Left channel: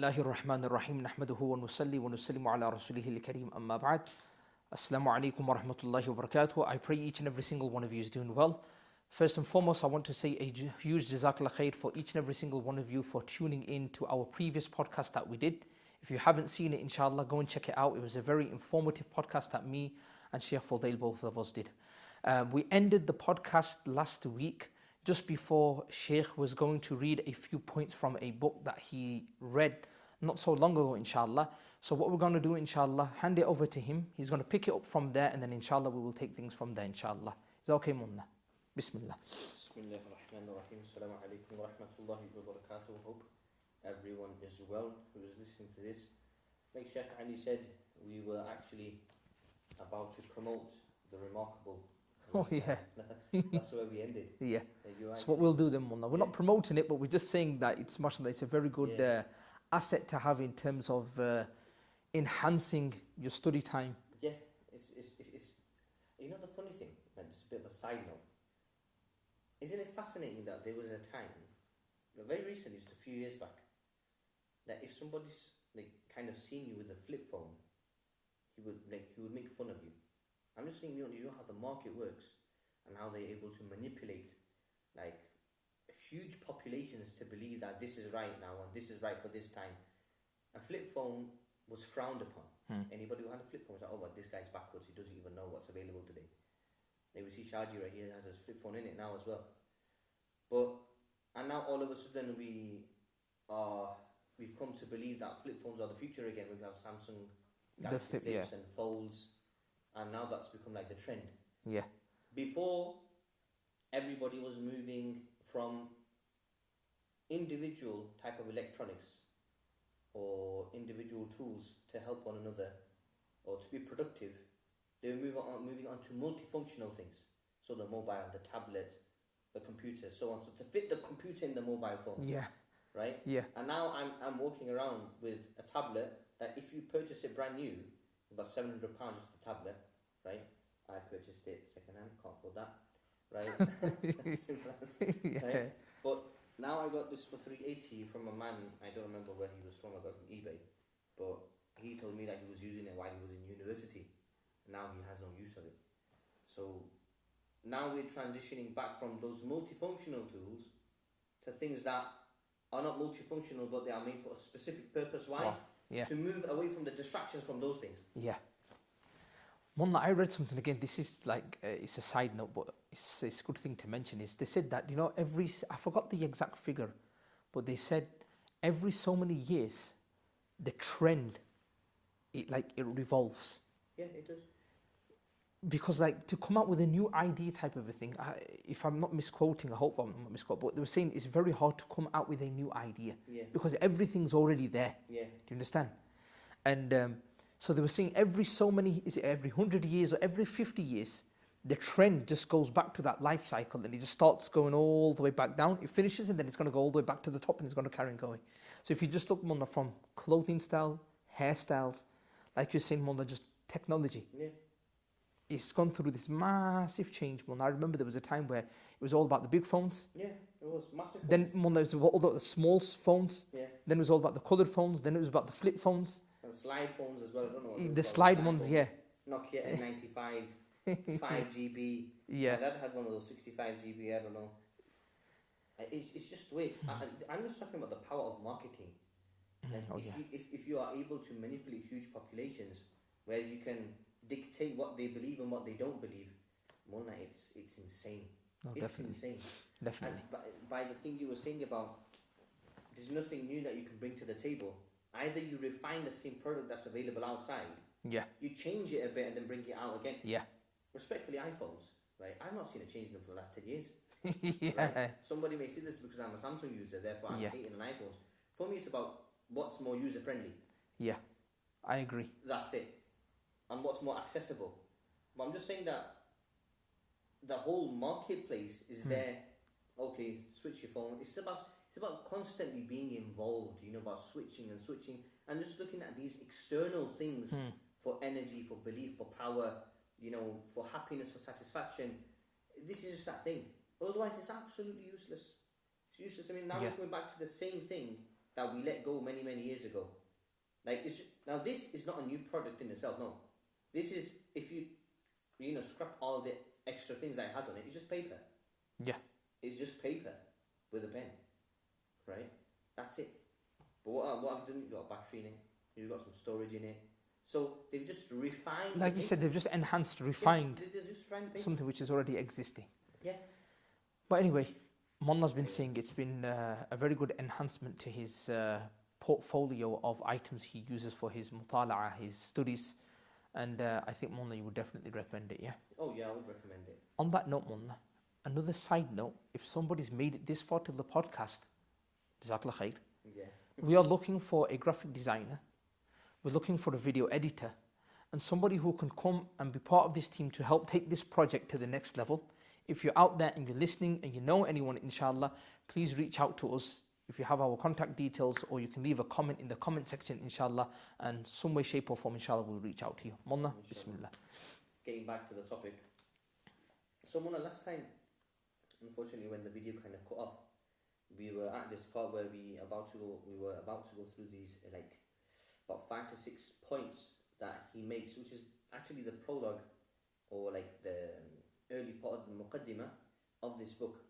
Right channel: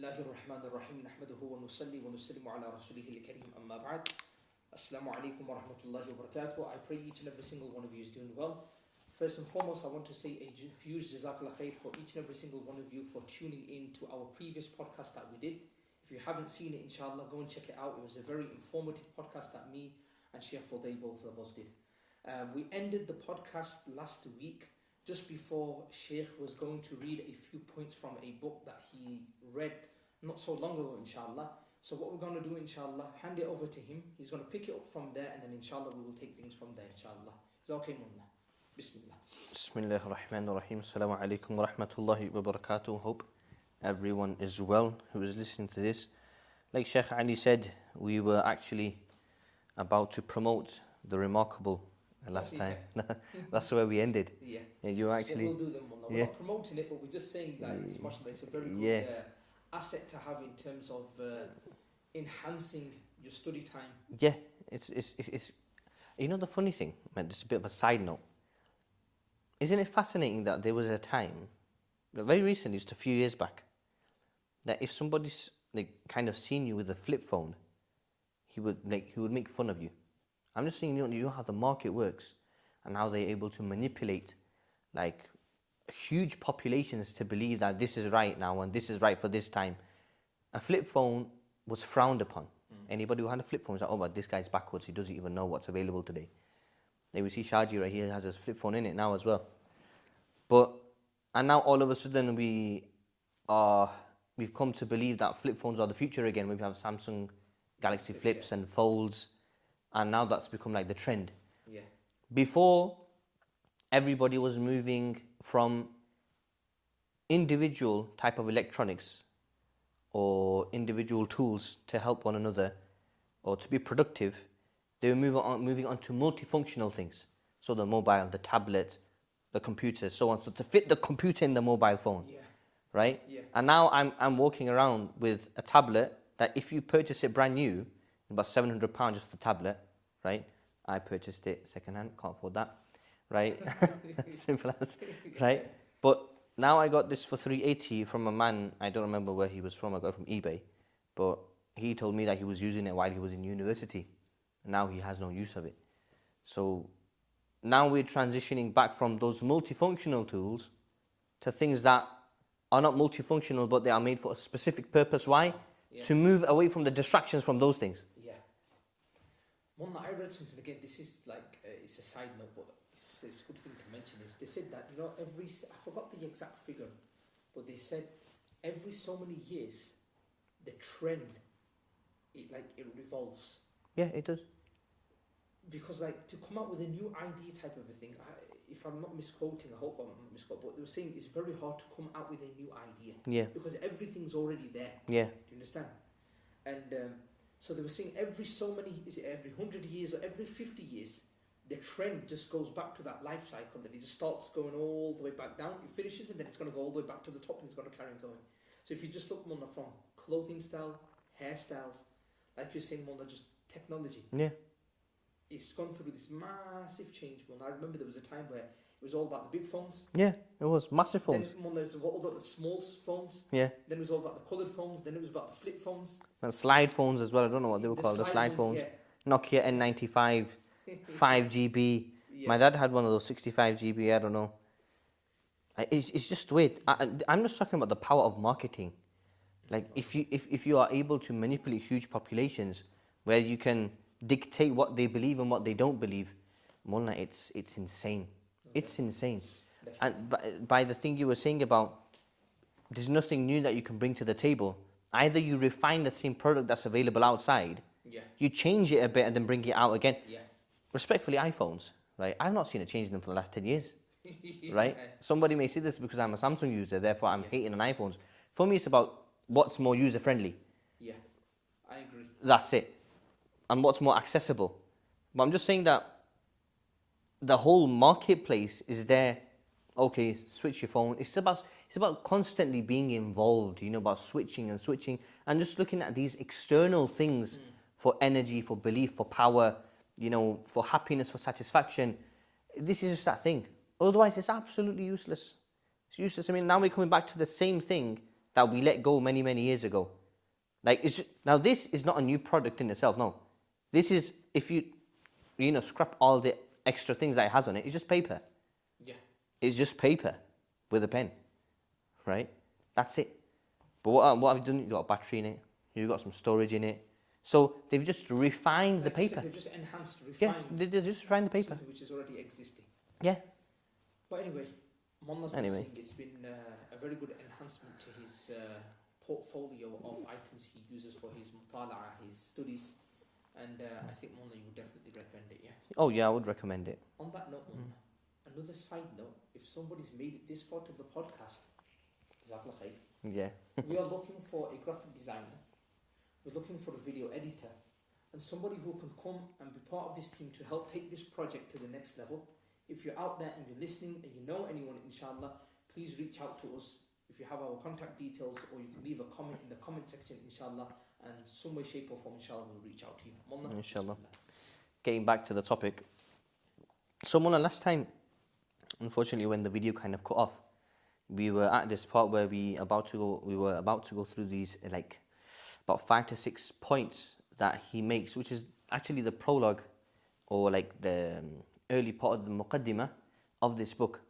Bismillahir Rahmanir Rahim. Nahmaduhu wa nusalli wa nusallimu ala rasulihil kareem. Amma ba'd. Assalamu alaikum wa rahmatullahi wa barakatuh. I pray each and every single one of you is doing well. First and foremost, I want to say a huge jazakallah khair for each and every single one of you for tuning in to our previous podcast that we did. If you haven't seen it, inshallah, go and check it out. It was a very informative podcast that me and Shaykh Fuzail, both of us, did. We ended the podcast last week just before Shaykh was going to read a few points from a book that he read not so long ago, inshallah. So what we're going to do, inshallah, hand it over to him. He's going to pick it up from there, and then inshallah we will take things from there, inshallah. Is that okay, Munna? Bismillah. Bismillahir Rahmanir Rahim. Assalamu alaikum wa rahmatullahi wa barakatuh. Hope everyone is well who is listening to this. Like Shaykh Ali said, we were actually about to promote the remarkable last time. That's where we ended. Yeah. And you That's actually, what we'll do then, Mullah. We're not promoting it, but we're just saying that it's mashallah, it's a very good asset to have in terms of enhancing your study time. Yeah, it's you know the funny thing, man, just a bit of a side note. Isn't it fascinating that there was a time, very recently, just a few years back, that if somebody's like kind of seen you with a flip phone, he would make fun of you. I'm just saying, you know how the market works and how they're able to manipulate like huge populations to believe that this is right now and this is right for this time. A flip phone was frowned upon. Anybody who had a flip phone was like, oh, but this guy's backwards. He doesn't even know what's available today. Then we see Shahid right here has his flip phone in it now as well. And now all of a sudden we've come to believe that flip phones are the future again. We have Samsung Galaxy Flips and Folds. And now that's become like the trend. Yeah. Before, everybody was moving from individual type of electronics or individual tools to help one another or to be productive. They were moving on to multifunctional things. So the mobile, the tablet, the computer, so on. So to fit the computer in the mobile phone. Yeah. Right? Yeah. And now I'm walking around with a tablet that if you purchase it brand new, about £700 just for the tablet, right? I purchased it secondhand, can't afford that, right? Simple as, right? But now I got this for £380 from a man, I don't remember where he was from, I got it from eBay, but he told me that he was using it while he was in university. Now he has no use of it. So now we're transitioning back from those multifunctional tools to things that are not multifunctional, but they are made for a specific purpose. Why? Yeah. To move away from the distractions from those things. Yeah. Mullah, I read something again. This is like, it's a side note, but it's a good thing to mention. Is they said that, I forgot the exact figure, but they said every so many years, the trend, it revolves. Yeah, it does. Because to come out with a new idea type of a thing, if I'm not misquoting, I hope I'm not misquoting, but they were saying it's very hard to come out with a new idea. Yeah. Because everything's already there. Yeah. Do you understand? And so they were saying every 100 years or every 50 years, the trend just goes back to that life cycle and it just starts going all the way back down. It finishes and then it's going to go all the way back to the top and it's going to carry on going. So if you just look, Mullah, from clothing style, hairstyles, like you're saying, Mullah, just technology. Yeah. It's gone through this massive change, Mullah. I remember there was a time where it was all about the big phones. Yeah, it was massive phones. Then Mullah, it was all about the small phones. Yeah. Then it was all about the coloured phones. Then it was about the flip phones. And slide phones as well. I don't know what they were called. The slide phones, yeah. Nokia N95, 5GB. Yeah. My dad had one of those 65GB. I don't know. It's just weird. I'm just talking about the power of marketing. Like if you are able to manipulate huge populations, where you can dictate what they believe and what they don't believe, Mullah, it's insane. No, it's insane. Definitely. And by the thing you were saying about, there's nothing new that you can bring to the table. Either you refine the same product that's available outside, you change it a bit and then bring it out again. Yeah. Respectfully, iPhones, right? I've not seen a change in them for the last 10 years, right? Somebody may say this because I'm a Samsung user, therefore I'm hating on iPhones. For me, it's about what's more user-friendly. Yeah, I agree. That's it. And what's more accessible. But I'm just saying that the whole marketplace is there. Okay, switch your phone. It's about constantly being involved, about switching and just looking at these external things for energy, for belief, for power, for happiness, for satisfaction. This is just that thing. Otherwise, it's absolutely useless. It's useless. I mean, now we're coming back to the same thing that we let go many, many years ago. Like, now this is not a new product in itself, no. This is, if you scrap all the extra things that it has on it, it's just paper. Yeah. It's just paper with a pen, right? That's it. But what have you done? You've got a battery in it. You've got some storage in it. So they've just refined the paper. Said, they've just enhanced, refined. Yeah, they've just refined the paper. Something which is already existing. Yeah. But anyway, Mullah's been saying it's been a very good enhancement to his portfolio of items he uses for his mutala'a, his studies. And I think, Mullah, you would definitely recommend it, yeah? Oh, yeah, I would recommend it. On that note, Mullah, another side note, if somebody's made it this far to the podcast, Jazakallah khair. Yeah. We are looking for a graphic designer. We're looking for a video editor and somebody who can come and be part of this team to help take this project to the next level. If you're out there and you're listening and you know anyone, inshallah, please reach out to us. If you have our contact details, or you can leave a comment in the comment section, inshallah, and some way, shape or form, inshallah, we'll reach out to you. Mullah, inshallah. Bismillah. Getting back to the topic. So, Mullah, last time, unfortunately, when the video kind of cut off, we were at this part where we were about to go through these, like, about 5 to 6 points that he makes, which is actually the prologue, or like the early part of the muqaddimah of this book.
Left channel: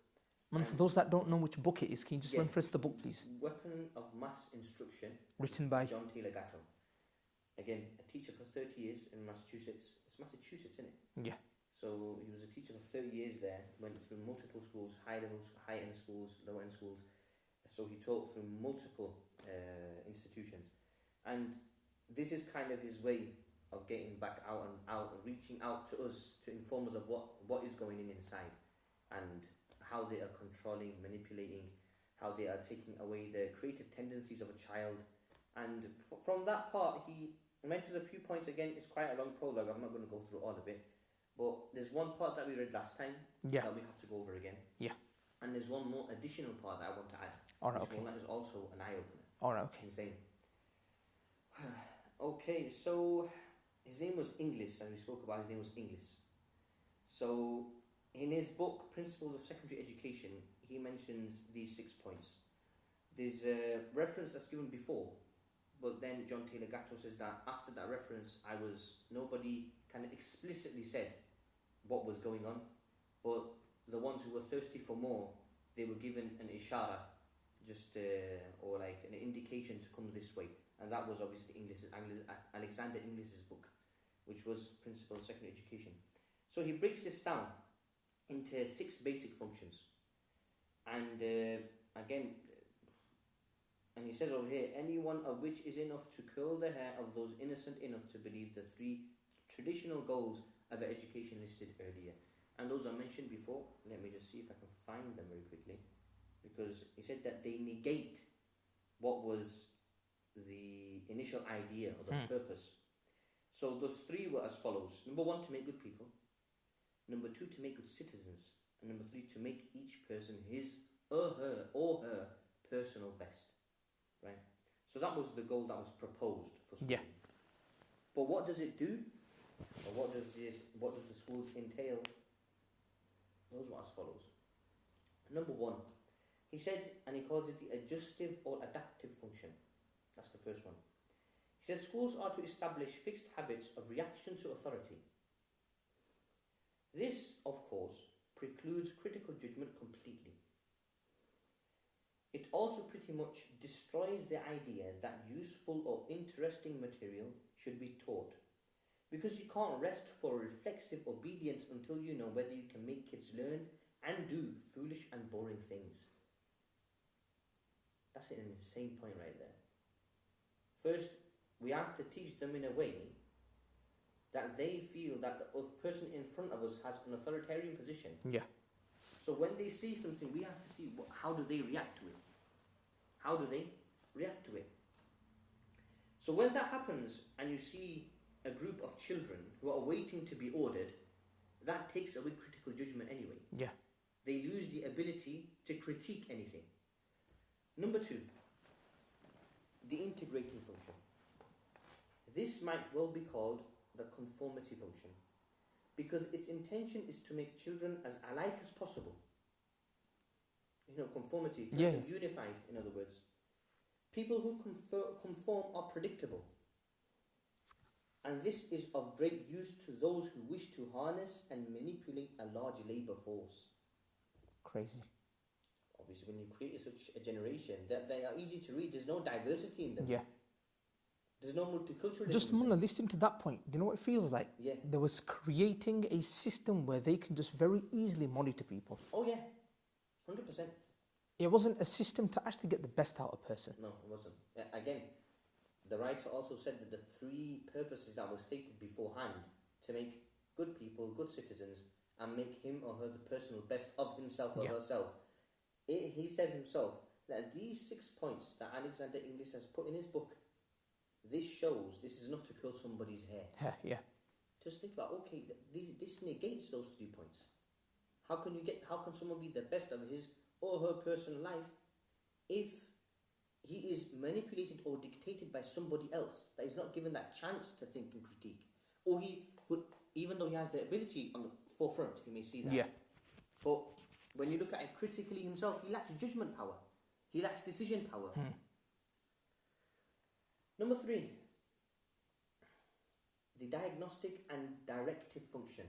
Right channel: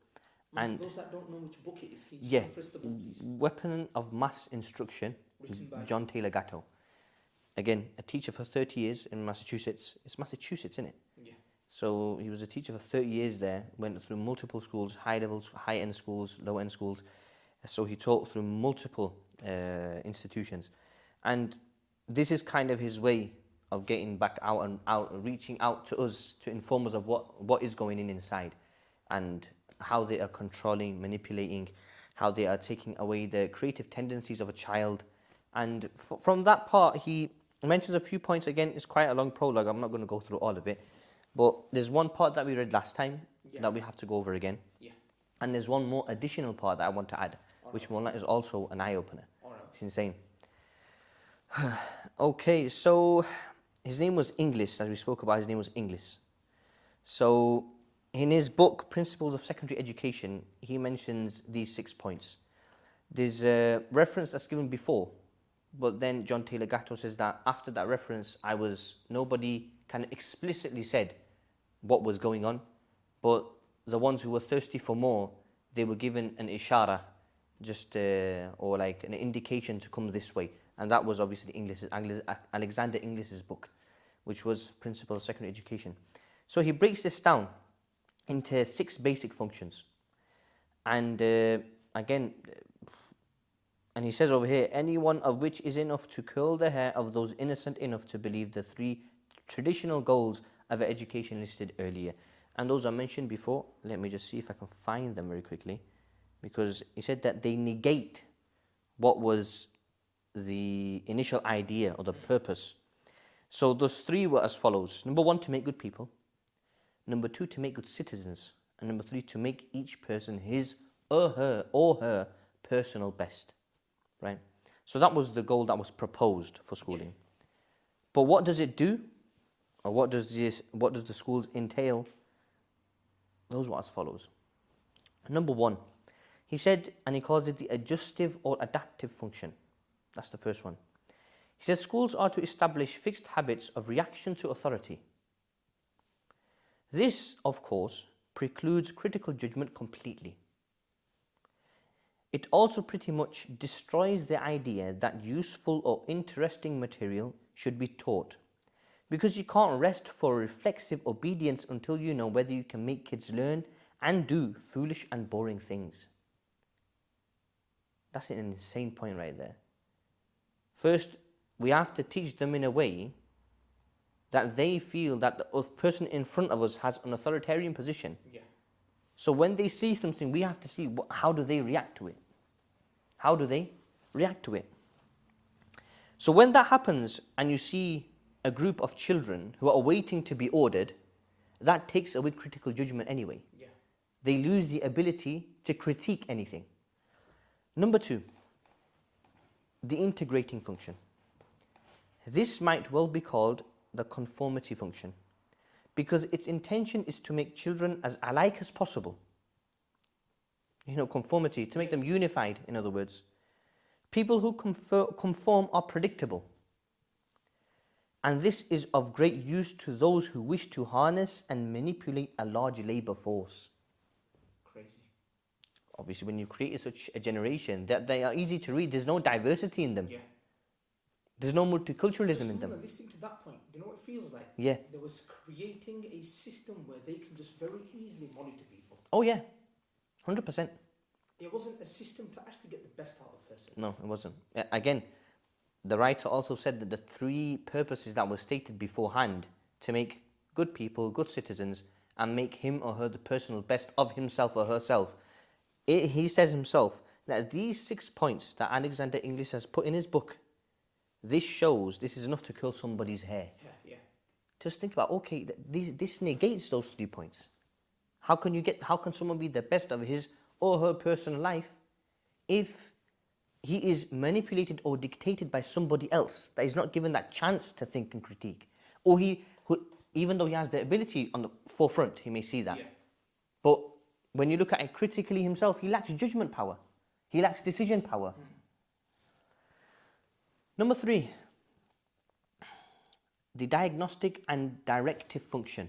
And for those that don't know which book it is, can you just reference the book, please? Weapon of Mass Instruction, written by John Taylor Gatto. Again, a teacher for 30 years in Massachusetts. It's Massachusetts, isn't it? Yeah. So he was a teacher for 30 years there, went through multiple schools, high-end schools, low-end schools. So he taught through multiple institutions. And this is kind of his way of getting back out and reaching out to us to inform us of what is going in inside, and how they are controlling, manipulating, how they are taking away the creative tendencies of a child. And from that part, he mentions a few points. Again, it's quite a long prologue. I'm not going to go through all of it. But there's one part that we read last time that we have to go over again. Yeah. And there's one more additional part that I want to add, which is also an eye-opener. All right. It's insane. Okay, so his name was Inglis, as we spoke about. His name was Inglis. So in his book, Principles of Secondary Education, he mentions these 6 points. There's a reference that's given before, but then John Taylor Gatto says that after that reference, nobody kind of explicitly said what was going on, but the ones who were thirsty for more, they were given an ishara, or like an indication to come this way. And that was obviously Alexander Inglis's book, which was Principles of Secondary Education. So he breaks this down into 6 basic functions. And again, and he says over here, any one of which is enough to curl the hair of those innocent enough to believe the 3 traditional goals of education listed earlier. And those are mentioned before. Let me just see if I can find them very quickly. Because he said that they negate what was the initial idea or the purpose. So those 3 were as follows. Number 1, to make good people. Number 2, to make good citizens. And number 3, to make each person his or her personal best. Right? So that was the goal that was proposed for schooling. Yeah. But what does it do? Or what does the schools entail? Those were as follows. Number 1, he said, and he calls it the adjustive or adaptive function. That's the first one. He says schools are to establish fixed habits of reaction to authority. This, of course, precludes critical judgment completely. It also pretty much destroys the idea that useful or interesting material should be taught, because you can't rest for reflexive obedience until you know whether you can make kids learn and do foolish and boring things. That's an insane point right there. First, we have to teach them in a way that they feel that the person in front of us has an authoritarian position. Yeah. So when they see something, we have to see how do they react to it. How do they react to it? So when that happens and you see a group of children who are waiting to be ordered, that takes away critical judgment anyway. Yeah. They lose the ability to critique anything. Number 2, the integrating function. This might well be called the conformity function, because its intention is to make children as alike as possible. Conformity, to make them unified, in other words. People who conform are predictable. And this is of great use to those who wish to harness and manipulate a large labor force. Crazy. Obviously, when you create such a generation, that they are easy to read. There's no diversity in them. Yeah. There's no multiculturalism Just in them. listening to that point, do you know what it feels like? Yeah. There was creating a system where they can just very easily monitor people. Oh yeah, 100%. It wasn't a system to actually get the best out of a person. No, it wasn't. Again, the writer also said that the three purposes that were stated beforehand to make good people, good citizens, and make him or her the personal best of himself or herself. He says himself that these 6 points that Alexander Inglis has put in his book, this shows this is enough to curl somebody's hair. Yeah. Just think about, okay, this negates those 3 points. How can someone be the best of his or her personal life if he is manipulated or dictated by somebody else that is not given that chance to think and critique? Or even though he has the ability on the forefront, he may see that. Yeah. But when you look at it critically himself, he lacks judgment power. He lacks decision power. Number 3, the diagnostic and directive function.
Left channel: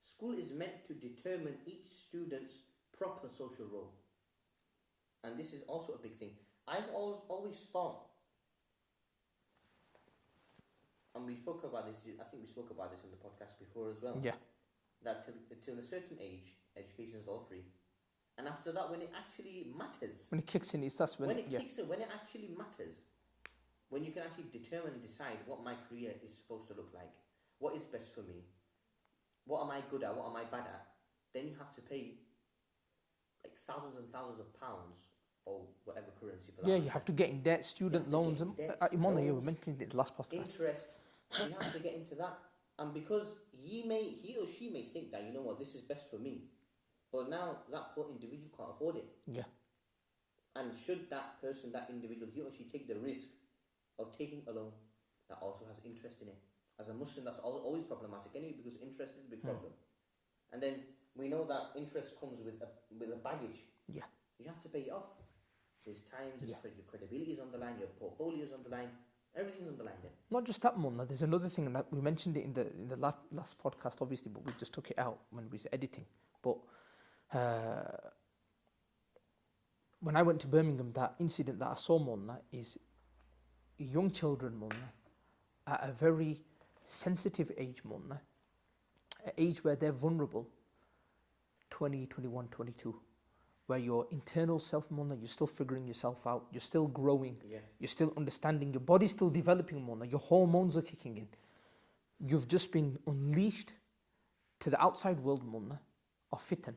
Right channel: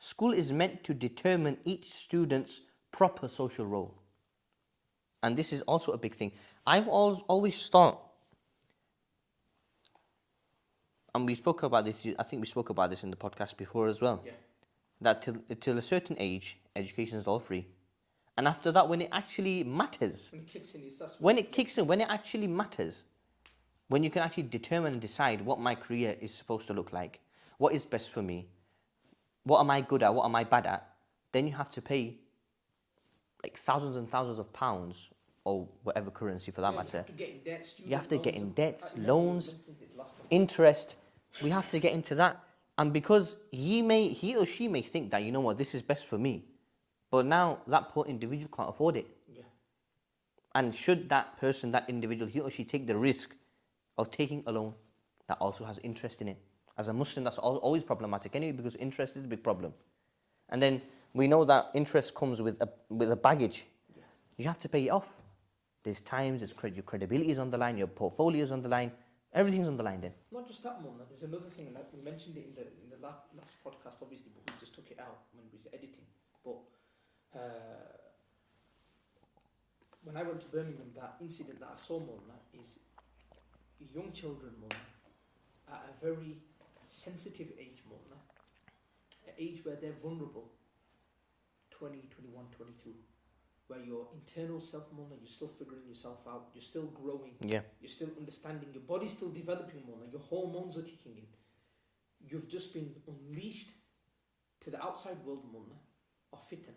School is meant to determine each student's proper social role. And this is also a big thing. I've always thought, and we spoke about this, I think we spoke about this in the podcast before as well, that till a certain age, education is all free. And after that, when it actually matters, when it kicks in, when it actually matters, when you can actually determine and decide what my career is supposed to look like, what is best for me, what am I good at, what am I bad at, then you have to pay like thousands and thousands of pounds or whatever currency for that matter. You have to get in debt, student loans. You have to get in debt, loans, loans, interest. We have to get into that. And because he or she may think that, you know what, this is best for me. But now that poor individual can't afford it. Yeah. And should that person, that individual, he or she take the risk of taking a loan that also has interest in it? As a Muslim, that's always problematic anyway, because interest is a big problem. And then we know that interest comes with a baggage. Yeah. You have to pay it off. There's times, your credibility is on the line, your portfolio is on the line, everything's on the line then. Not just that, Mullah. There's another thing, and that we mentioned it in the last podcast, obviously, but we just took it out when we was editing. But when I went to Birmingham, that incident that I saw, Mullah, is young children, Mullah, at a very sensitive age, Mullah, an age where they're vulnerable, 20, 21, 22, where your internal self, Mullah, you're still figuring yourself out, you're still growing, you're still understanding, your body's still developing, Mullah, your hormones are kicking in. You've just been unleashed to the outside world, Mullah, of fitan,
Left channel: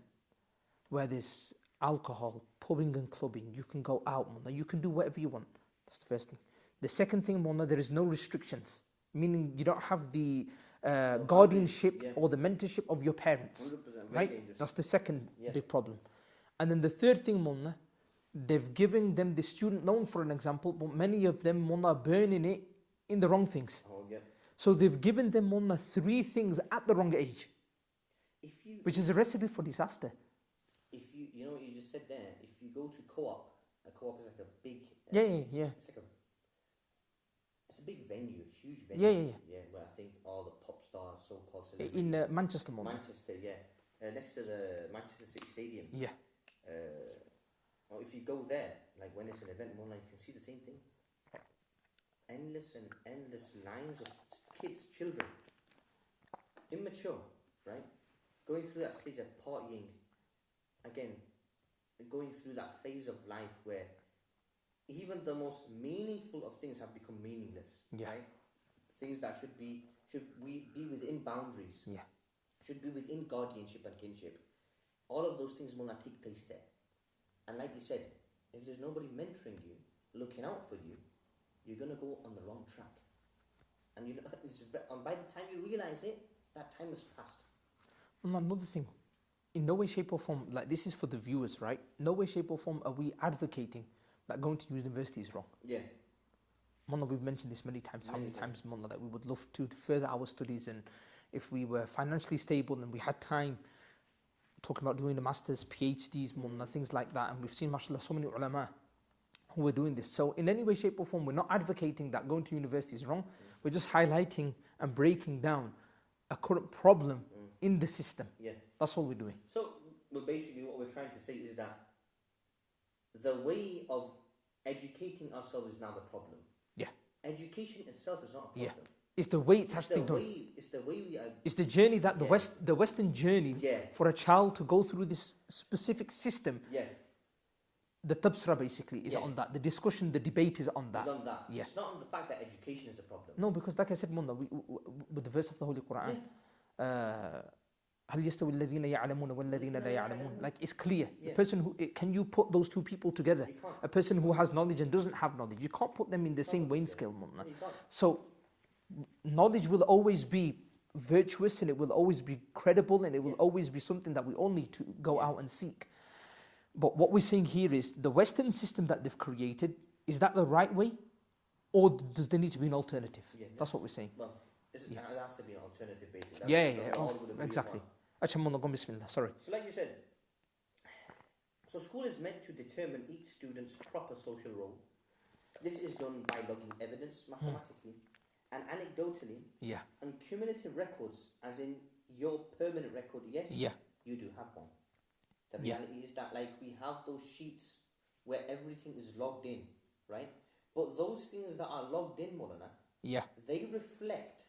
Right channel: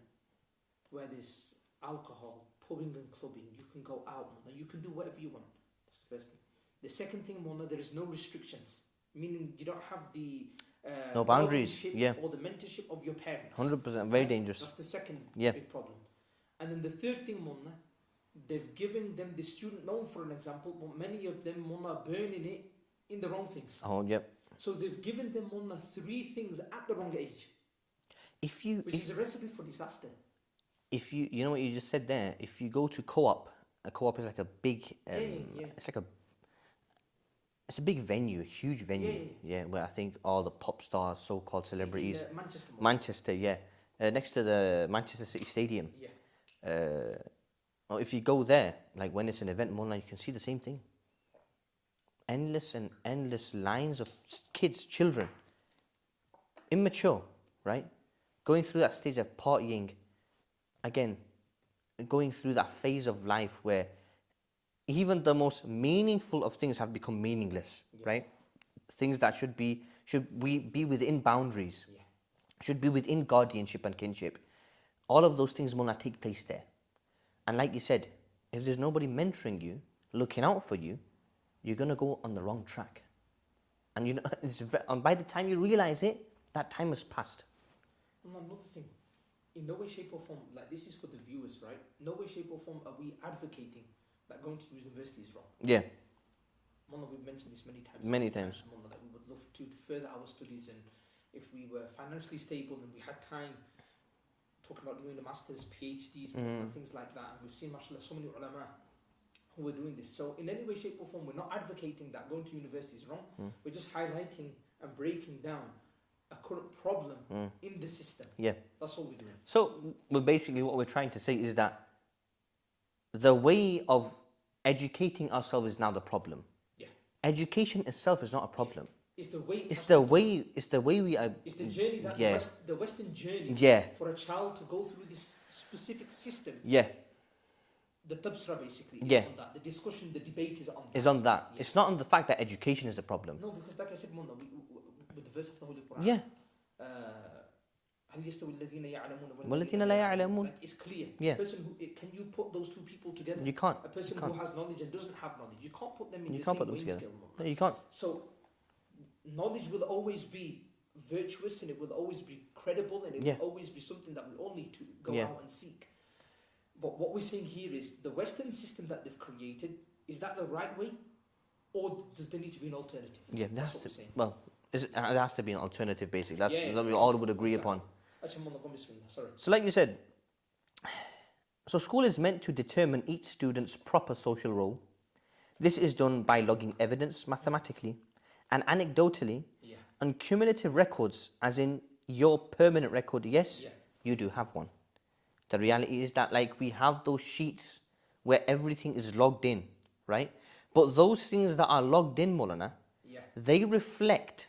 where there's alcohol, pubbing and clubbing, you can go out, Mullah, you can do whatever you want. That's the first thing. The second thing, Mullah, there is no restrictions, meaning you don't have the guardianship or the mentorship of your parents. 100%, very dangerous. That's the second big problem. And then the third thing, Mullah, they've given them the student loan, for an example, but many of them, Mullah, are burning it in the wrong things. Oh, yep. So they've given them, Mullah, 3 things at the wrong age, which is a recipe for disaster. If you know what you just said there, if you go to co-op, a co-op is like a big, it's like it's a big venue, a huge venue, where I think all the pop stars, so-called celebrities. In Manchester, Mullah. Manchester, next to the Manchester City Stadium. Or if you go there, like when it's an event, Mullah, you can see the same thing. Endless and endless lines of kids, children, immature, right? Going through that stage of partying, again, going through that phase of life where even the most meaningful of things have become meaningless, right? Things that should be within boundaries, should be within guardianship and kinship. All of those things will not take place there. And like you said, if there's nobody mentoring you, looking out for you, you're going to go on the wrong track. And and by the time you realize it, that time has passed. And another thing, in no way, shape or form, like this is for the viewers, right? No way, shape or form are we advocating that going to university is wrong. Yeah. Mullah, we've mentioned this many times. Mullah, that we would love to further our studies, and if we were financially stable and we had time, talking about doing the masters, PhDs, Mullah, things like that. And we've seen, mashallah, so many ulama who are doing this. So in any way, shape or form, we're not advocating that going to university is wrong. We're just highlighting and breaking down a current problem in the system. Yeah. That's all we're doing. So basically what we're trying to say is that the way of educating ourselves is now the problem. Yeah. Education itself is not a problem. Yeah. It's the way It's the way we are. It's the journey that the Western journey for a child to go through this specific system. Yeah. The tabsra basically is on that. The discussion, the debate is on that. Is on that. Yeah. It's not on the fact that education is a problem. No, because like I said, Munna, with the verse of the Holy Quran. Yeah. هل يستوي الذين يعلمون والذين لا يعلمون. Like it's clear. Yeah. A person who can you put those two people together? You can't. A person who has knowledge and doesn't have knowledge, you can't put them in the same weighing scale. No, you can't. So knowledge will always be virtuous and it will always be credible and it will always be something that we all need to go out and seek. But what we're saying here is the Western system that they've created, is that the right way? Or does there need to be an alternative? Yeah, that's what we're saying. Well, there has to be an alternative, basically. That's what we all would agree upon. Sorry. So like you said, so school is meant to determine each student's proper social role. This is done by logging evidence mathematically and anecdotally and cumulative records, as in your permanent record. Yes, you do have one. The reality is that like we have those sheets where everything is logged in, right? But those things that are logged in, Maulana, they reflect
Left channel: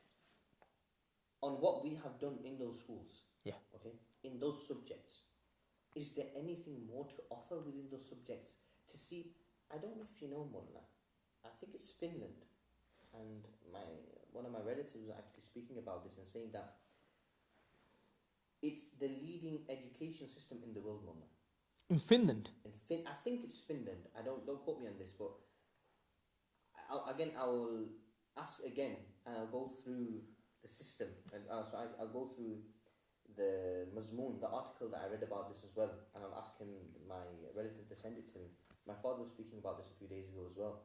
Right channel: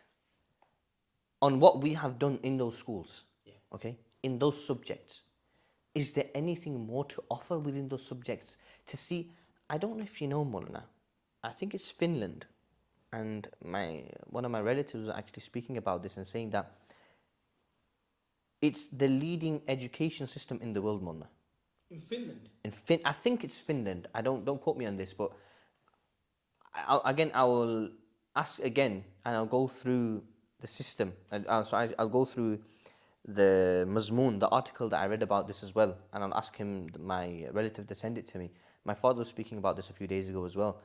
on what we have done in those schools. Okay, in those subjects. Is there anything more to offer within those subjects? To see, I don't know if you know, Maulana, I think it's Finland, and one of my relatives was actually speaking about this and saying that it's the leading education system in the world, Maulana. In Finland? I think it's Finland. I don't quote me on this, but I will ask again, and I'll go through the system. I'll go through the mazmoon, the article that I read about this as well, and I'll ask him, my relative, to send it to me. My father was speaking about this a few days ago as well,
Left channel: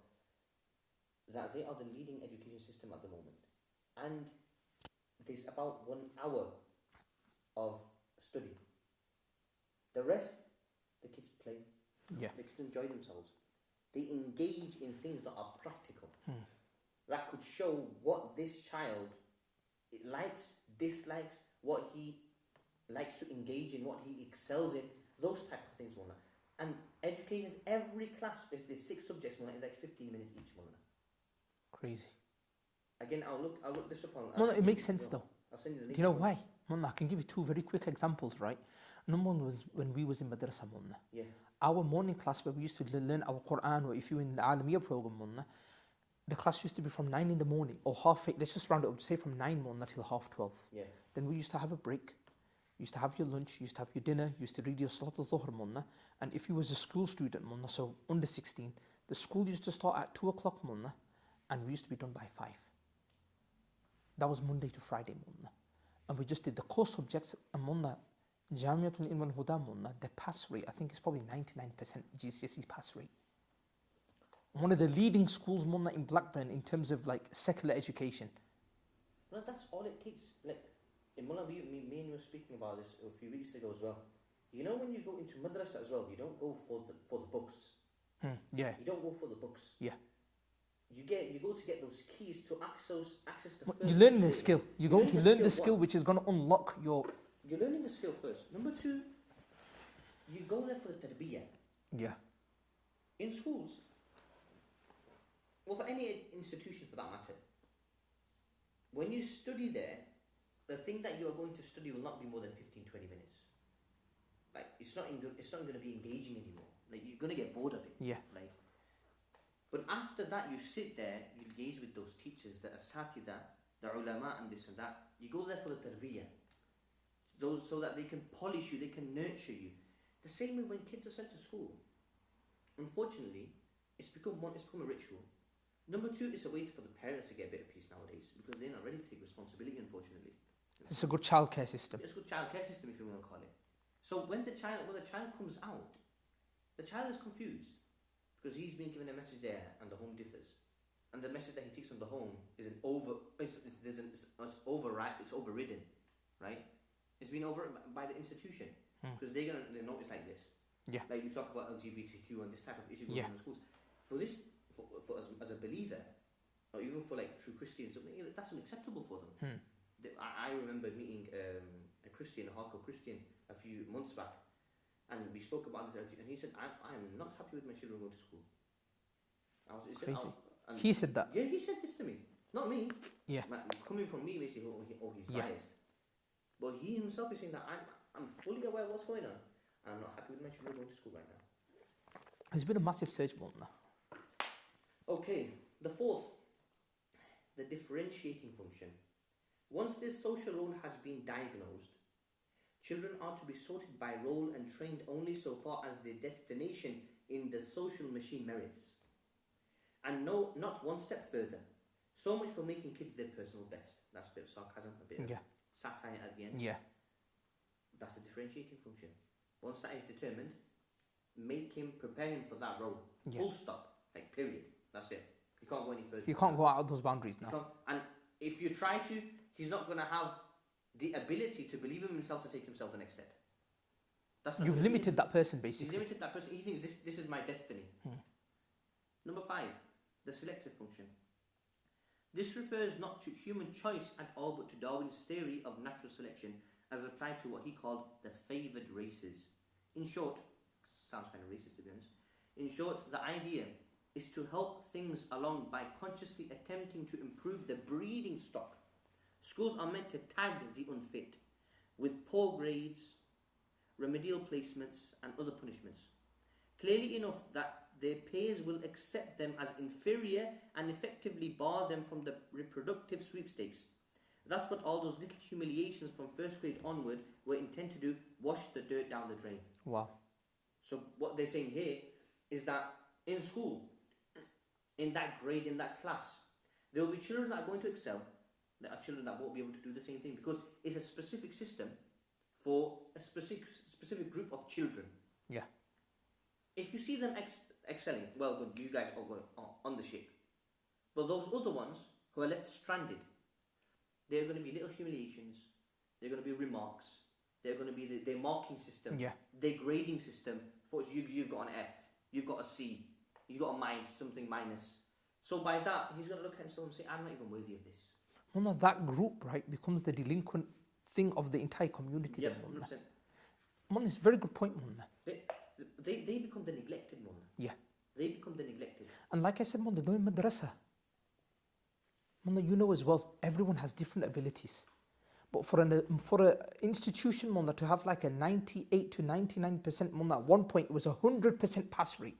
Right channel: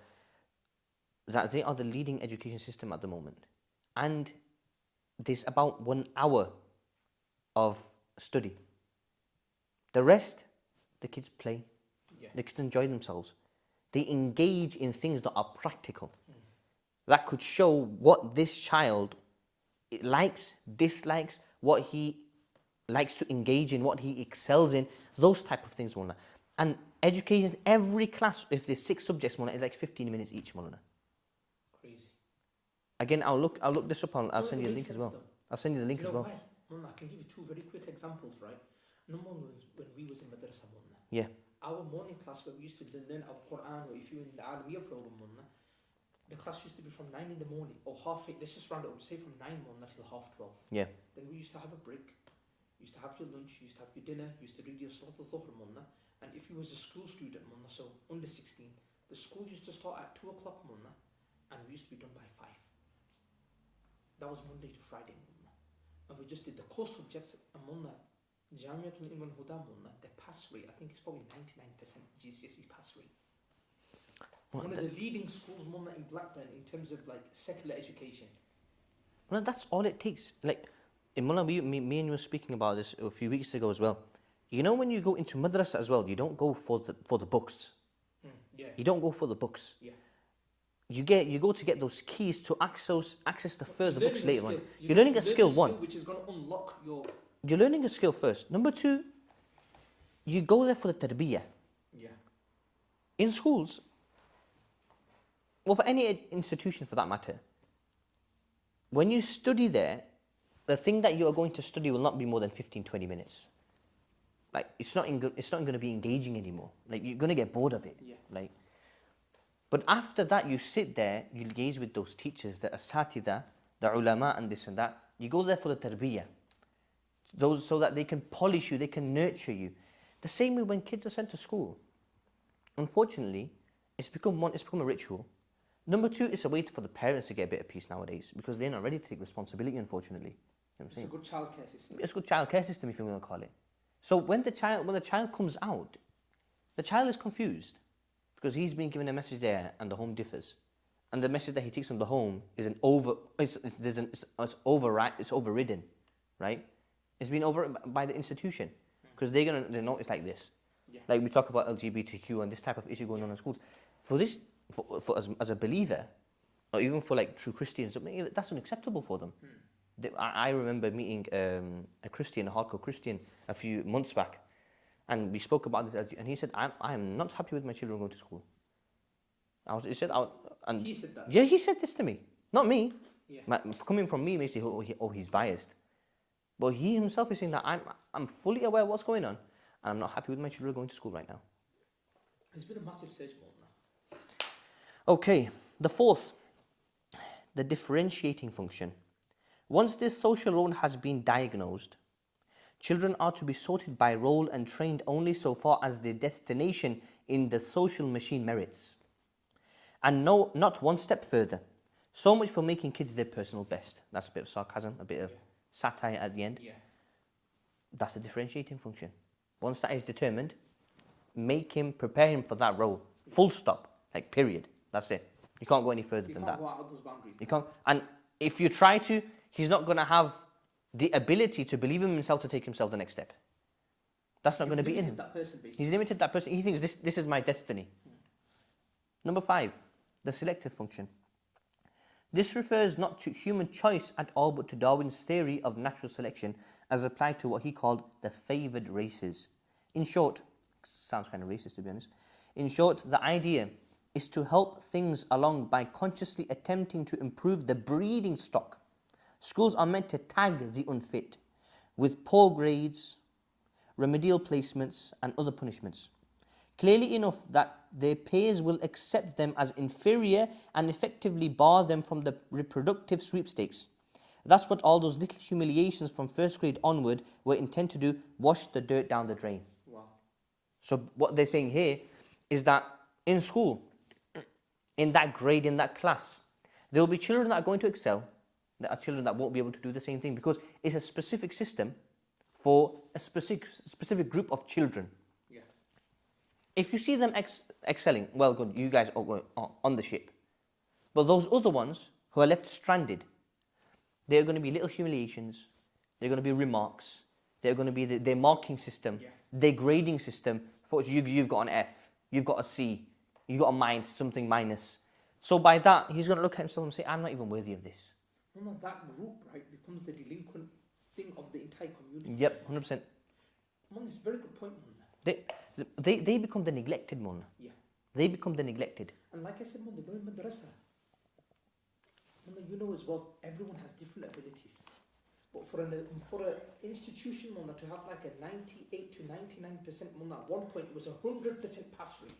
that they are the leading education system at the moment. And there's about 1 hour of study. The rest, the kids play, the kids enjoy themselves. They engage in things that are practical, that could show what this child likes, dislikes, what he likes to engage in, what he excels in, those type of things, Maulana. And education, every class, if there's 6 subjects, Maulana, it's like 15 minutes each, Maulana. Crazy. Again, I'll look this up on. I'll send you the link as well. I'll send you the link. You know why? Maulana, I can give you 2 very quick examples, right? Number one was when we was in madrasa, Maulana. Yeah. Our morning class where we used to learn our Quran, or if you're in the Alamiya program, Maulana, the class used to be from 9 in the morning or 8:30. Let's just round it up, say from 9 Maulana till 12:30. Yeah. Then we used to have a break. You used to have your lunch, you used to have your dinner, you used to read your Salat al-Dhuhr, Maulana. And if you was a school student, Maulana, so under 16, the school used to start at 2 o'clock, Maulana, and we used to be done by 5. That was Monday to Friday, Maulana. And we just did the core subjects, and Maulana, Jamiatul Ilm wal Huda, Maulana, the pass rate, I think it's probably 99% GCSE pass rate. One of the leading schools, Maulana, in Blackburn in terms of like secular education. Well, that's all it takes. Like, Maulana, me and you were speaking about this a few weeks ago as well. You know, when you go into madrasa as well, you don't go for the books. Yeah. You don't go for the books. Yeah. You go to get those keys to access the further You're books learning a later skill. on. You're learning a skill which is going to unlock your... You're learning a skill first. Number 2, you go there for the tarbiyah. Yeah. In schools, well, for any institution for that matter, when you study there, the thing that you are going to study will not be more than 15-20 minutes. Like, it's not going to be engaging anymore. Like, you're going to get bored of it. Yeah. Like, but after that, you sit there, you liaise with those teachers, the asatida, the ulama, and this and that. You go there for the tarbiyah, those so that they can polish you, they can nurture you. The same way when kids are sent to school. Unfortunately, it's become a ritual. Number 2, it's a way for the parents to get a bit of peace nowadays, because they're not ready to take responsibility, unfortunately. It's a good childcare system. It's a good childcare system, if you want to call it. So when the child comes out, the child is confused, because he's been given a message there and the home differs, and the message that he takes from the home is it's overridden, right? It's been over by the institution, because they know it's like this. Yeah. Like we talk about LGBTQ and this type of issue going on in schools. for this, as a believer, or even for like true Christians, I mean, that's unacceptable for them. I remember meeting a Christian, a hardcore Christian, a few months back, and we spoke about this, and he said, I'm not happy with my children going to school. He said that? Yeah, he said this to me. Not me. Yeah. Coming from me, makes you he's biased. But he himself is saying that I'm fully aware of what's going on, and I'm not happy with my children going to school right now. There's been a massive surge, Mullah. Okay, the fourth, the differentiating function. Once this social role has been diagnosed, children are to be sorted by role and trained only so far as their destination in the social machine merits. And no, not one step further. So much for making kids their personal best. That's a bit of sarcasm, a bit of satire at the end. Yeah. That's a differentiating function. Once that is determined, prepare him for that role. Yeah. Full stop. Like, period. That's it. You can't go any further than that. You can't go out of those boundaries. You can't. And if you try to, he's not going to have the ability to believe in himself to take himself the next step. That's not going to be limited that person, basically. He's limited that person. He thinks this is my destiny. Number 5, the selective function. This refers not to human choice at all, but to Darwin's theory of natural selection as applied to what he called the favoured races. In short, sounds kind of racist to be honest. In short, the idea is to help things along by consciously attempting to improve the breeding stock. Schools are meant to tag the unfit with poor grades, remedial placements, and other punishments. Clearly enough that their peers will accept them as inferior and effectively bar them from the reproductive sweepstakes. That's what all those little humiliations from first grade onward were intended to do, wash the dirt down the drain. Wow. So what they're saying here is that in school, in that grade, in that class, there will be children that are going to excel, there are children that won't be able to do the same thing because it's a specific system for a specific group of children. Yeah. If you see them excelling, well, good, you guys are on the ship. But those other ones who are left stranded, they're going to be little humiliations, they're going to be remarks, they're going to be their marking system, their grading system. For you've got an F, you've got a C, you've got a something minus. So by that, he's going to look at himself and say, I'm not even worthy of this. Well, no, that group, right, becomes the delinquent thing of the entire community. Yep, 100%. Man, it's a very good point, man. They become the neglected, man. Yeah. They become the neglected. And like I said, man, they don't madrasa. Man, you know as well, everyone has different abilities. But for an institution, man, to have like a 98 to 99%, man, at one point it was 100% pass rate.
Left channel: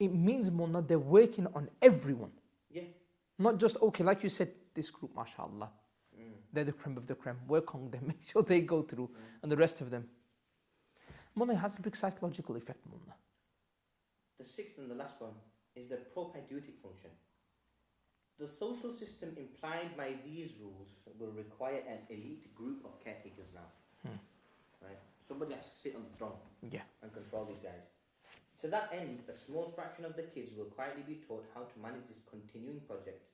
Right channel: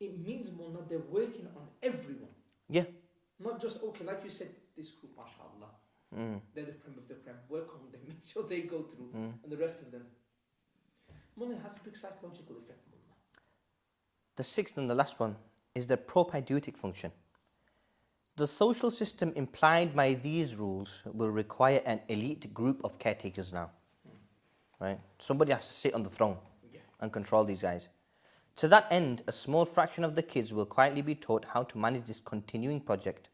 It means, man, they're working on everyone. Yeah. Not just, okay, like you said, this group, mashallah, they're the creme of the creme. Work on them, make sure they go through, and the rest of them. Man, it has a big psychological effect, man. The 6th and the last one is the propedeutic function. The social system implied by these rules will require an elite group of caretakers now. Right? Somebody has to sit on the throne and control these guys. To that end, a small fraction of the kids will quietly be taught how to manage this continuing project,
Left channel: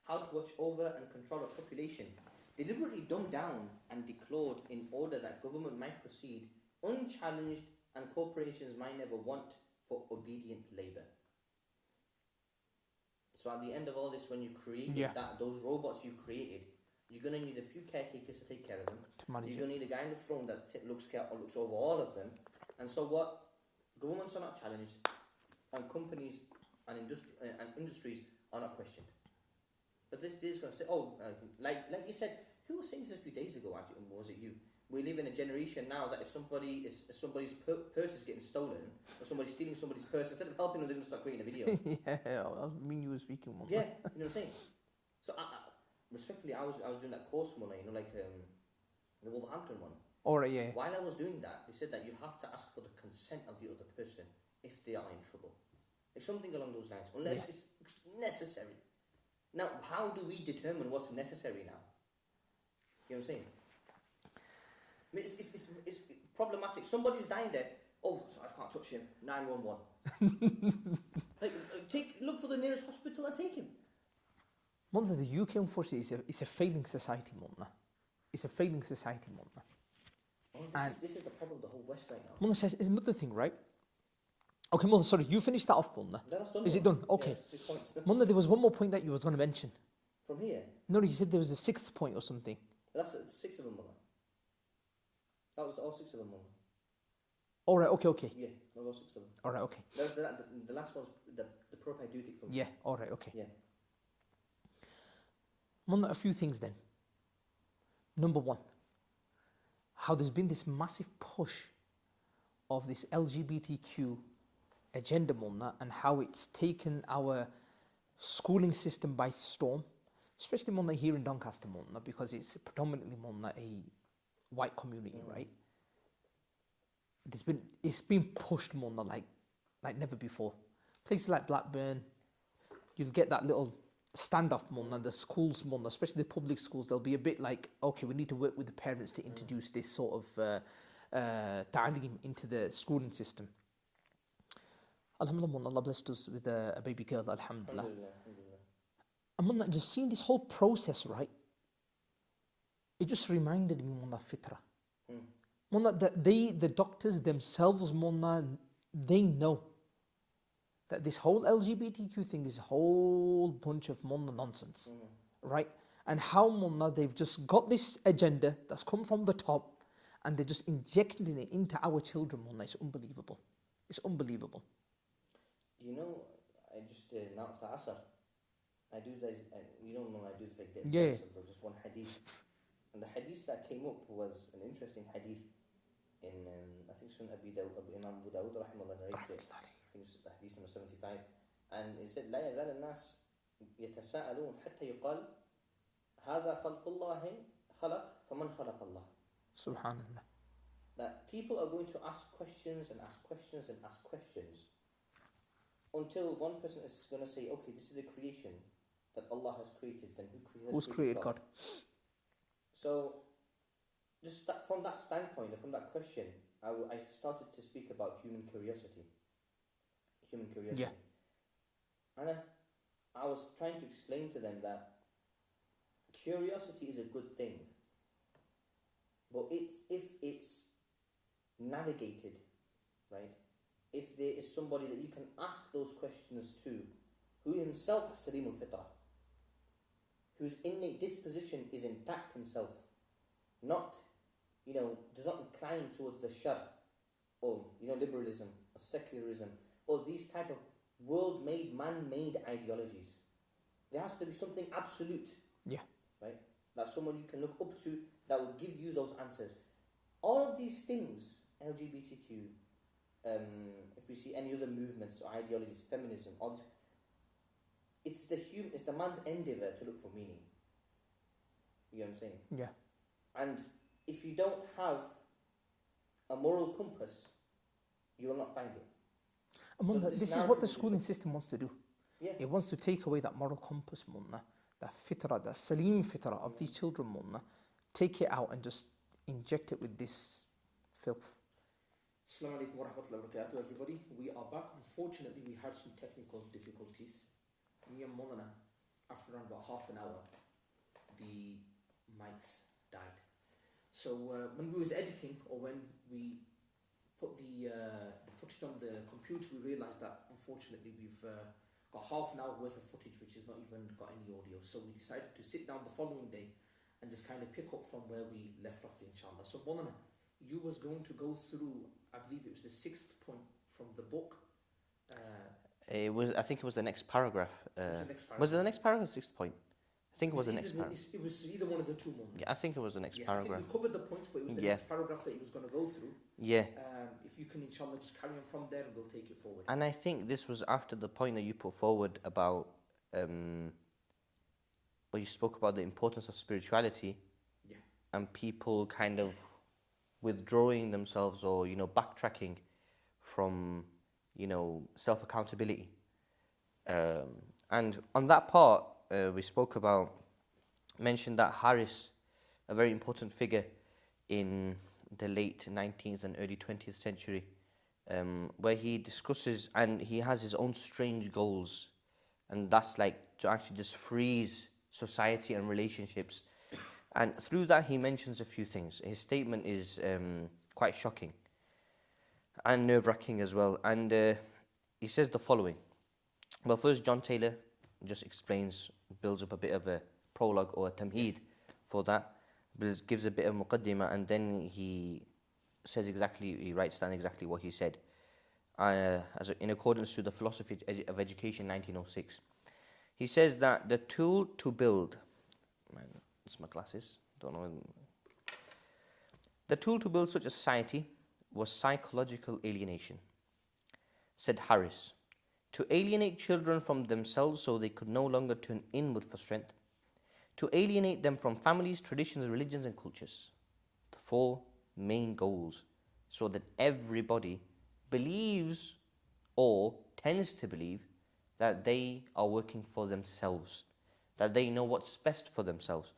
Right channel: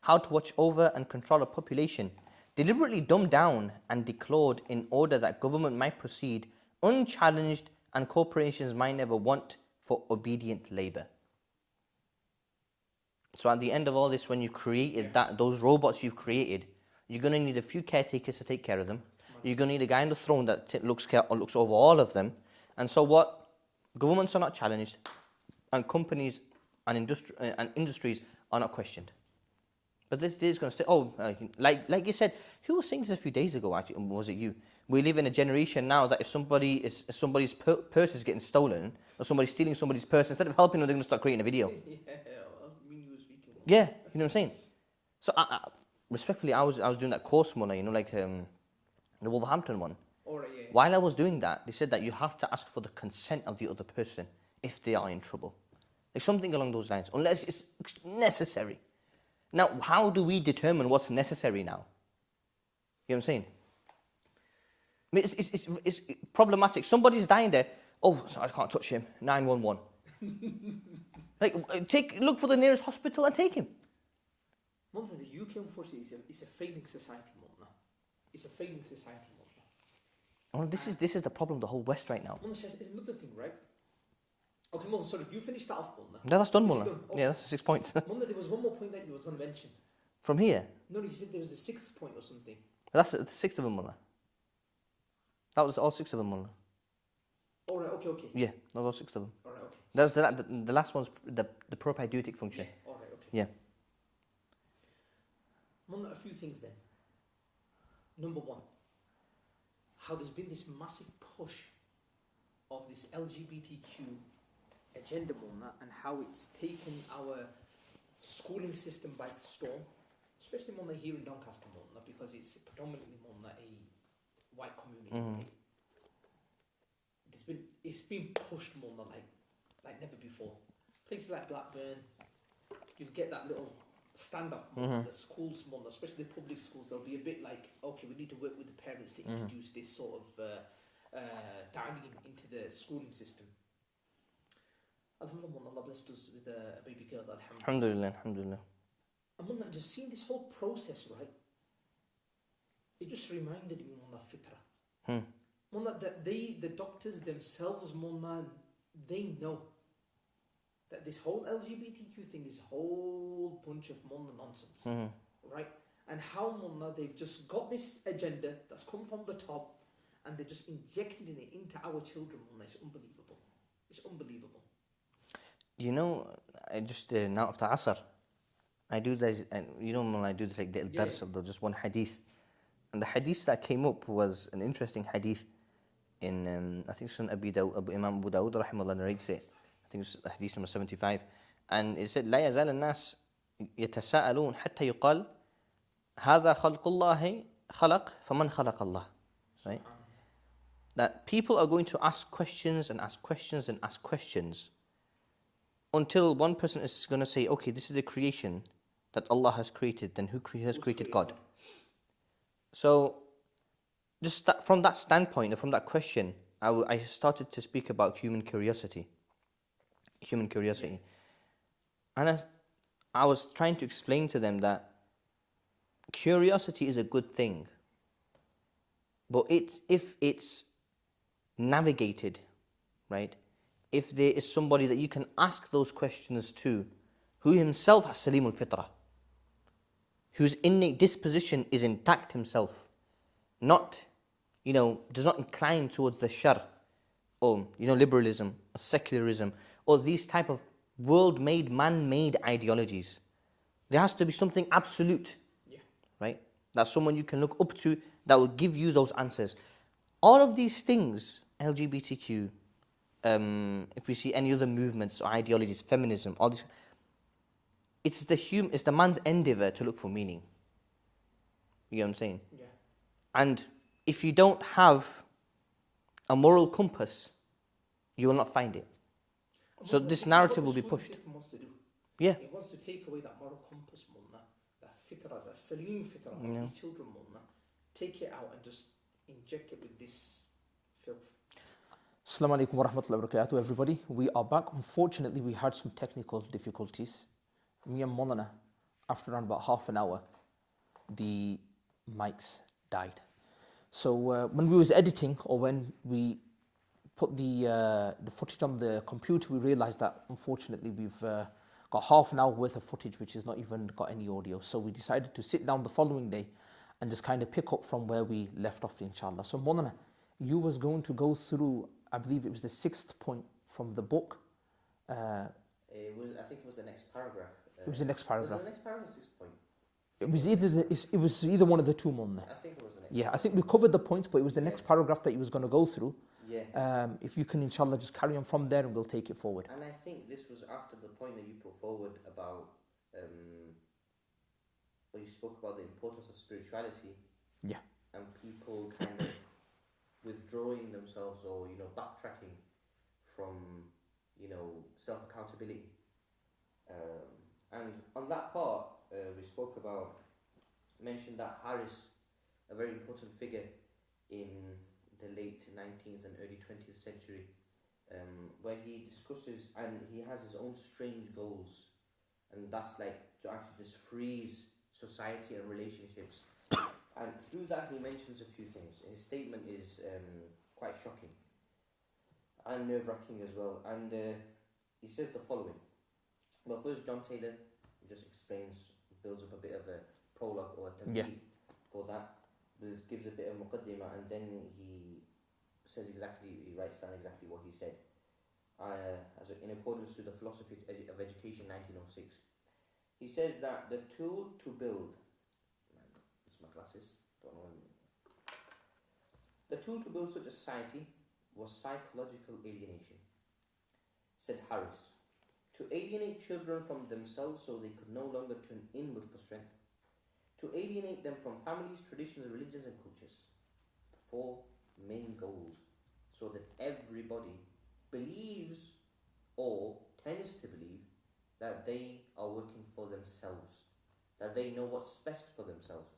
how to watch over and control a population, deliberately dumbed down and declawed in order that government might proceed unchallenged and corporations might never want for obedient labour. So at the end of all this, when you've created those robots you've created, you're going to need a few caretakers to take care of them. You're going to need a guy on the throne that looks over all of them. And so what? Governments are not challenged, and companies and industries are not questioned. But this is going to say, like you said, who was saying this a few days ago? Actually, was it you? We live in a generation now that if somebody's purse is getting stolen, or somebody's stealing somebody's purse, instead of helping them, they're going to start creating a video. You were speaking. Yeah, you know what I'm saying. So, respectfully, I was doing that course one, like the Wolverhampton one. Yeah. While I was doing that, they said that you have to ask for the consent of the other person if they are in trouble, like something along those lines, unless it's necessary. Now, how do we determine what's necessary now? You know what I'm saying? I mean, it's problematic. Somebody's dying there. Oh, sorry, I can't touch him. 911. Look for the nearest hospital and take him. Well, the UK, unfortunately, is a failing society, Mona. It's a failing society, Mona. Well, this is the problem of the whole West right now. Mona says, is another thing, right? Okay, Mullah, sorry, you finished that off, Mullah. No, that's done, Is Mullah. it done? Okay. Yeah, that's 6 points. Mullah, there was one more point that you was going to mention. From here? No, you said there was a 6th point or something. That's 6 of them, Mullah. That was all 6 of them, Mullah. All right, okay. Yeah, that was all 6 of them. All right, okay. That's the last one's the propedeutic function. Yeah, all right, okay. Yeah. Mullah, a few things then. Number one, how there's been this massive push of this LGBTQ agenda, Mullah, and how it's taken our schooling system by storm, especially, Mullah, here in Doncaster, Mullah, because it's predominantly, Mullah, a white community, right? It's been pushed, Mullah, like never before. Places like Blackburn, you'll get that little standoff, Mullah, the schools, Mullah, especially the public schools, they'll be a bit like, okay, we need to work with the parents to introduce this sort of ta'aleem into the schooling system. Alhamdulillah, Allah blessed us with a baby girl, alhamdulillah. Alhamdulillah. And Mullah, just seeing this whole process, right, it just reminded me, Mullah, fitrah. Mullah, that the doctors themselves, Mullah, they know that this whole LGBTQ thing is a whole bunch of, Mullah, nonsense, right? And how, Mullah, they've just got this agenda that's come from the top and they're just injecting it into our children, Mullah. It's unbelievable. It's unbelievable. You know, I just, now after Asr, I do this, and you know, when I do this like little dars of just one hadith. And the hadith that came up was an interesting hadith in, I think it's from Imam Abu Dawud, rahimahullah, narrates it. I think it's hadith number 75. And it said, لا يزال الناس يتساءلون حتى يقال هذا خلق الله خلق فمن خلق الله. Subhanallah. That people are going to ask questions and ask questions and ask questions until one person is going to say, okay, this is a creation that Allah has created, then who has created God? So, just from that standpoint, from that question, I started to speak about human curiosity. Yeah. And I was trying to explain to them that curiosity is a good thing, but if it's navigated, right? If there is somebody that you can ask those questions to, who himself has salimul fitrah, whose innate disposition is intact himself, not, does not incline towards the shar, or, liberalism, or secularism, or these type of world-made, man-made ideologies. There has to be something absolute, right? That's someone you can look up to that will give you those answers. All of these things, LGBTQ, if we see any other movements or ideologies, feminism, all this, it's the man's endeavor to look for meaning. You know what I'm saying? Yeah. And if you don't have a moral compass, you will not find it. So this narrative will be pushed. The system wants to do. Yeah. It wants to take away that moral compass, Mullah, that fitrah, that salim fitrah of these children, Mullah. Take it out and just inject it with this filth. Assalamu alaikum wa rahmatullahi wa barakatuh, everybody. We are back. Unfortunately, we had some technical difficulties. Me and Mullah, after around about half an hour, the mics died. So when we was editing, or when we put the footage on the computer, we realized that unfortunately we've got half an hour worth of footage which has not even got any audio. So we decided to sit down the following day and just kind of pick up from where we left off, inshallah. So Mullah, you was going to go through, I believe it was the 6th point from the book. I think it was the next paragraph. It was the next paragraph. Was it the next paragraph or 6th point? I think it was either one of the two, Mullah. Yeah, I think it was the next paragraph. paragraph. I think we covered the points, but it was the next paragraph that he was going to go through. Yeah. If you can, inshallah, just carry on from there and we'll take it forward. And I think this was after the point that you put forward about, where you spoke about the importance of spirituality. Yeah. And people kind of withdrawing themselves or, backtracking from, self-accountability. And on that part, we spoke about, mentioned that Harris, a very important figure in the late 19th and early 20th century, where he discusses, and he has his own strange goals, and that's like to actually just freeze society and relationships. And through that he mentions a few things. His statement is quite shocking and nerve-wracking as well. And he says the following. Well, first, John Taylor just explains, builds up a bit of a prologue or a tamheed for that, gives a bit of muqaddimah, and then he says exactly, he writes down exactly what he said. In accordance to the Philosophy of Education 1906. He says that the tool to build, it's my glasses, don't know. The tool to build such a society was psychological alienation, said Harris. To alienate children from themselves so they could no longer turn inward for strength. To alienate them from families, traditions, religions, and cultures. The four main goals, so that everybody believes or tends to believe that they are working for themselves, that they know what's best for themselves.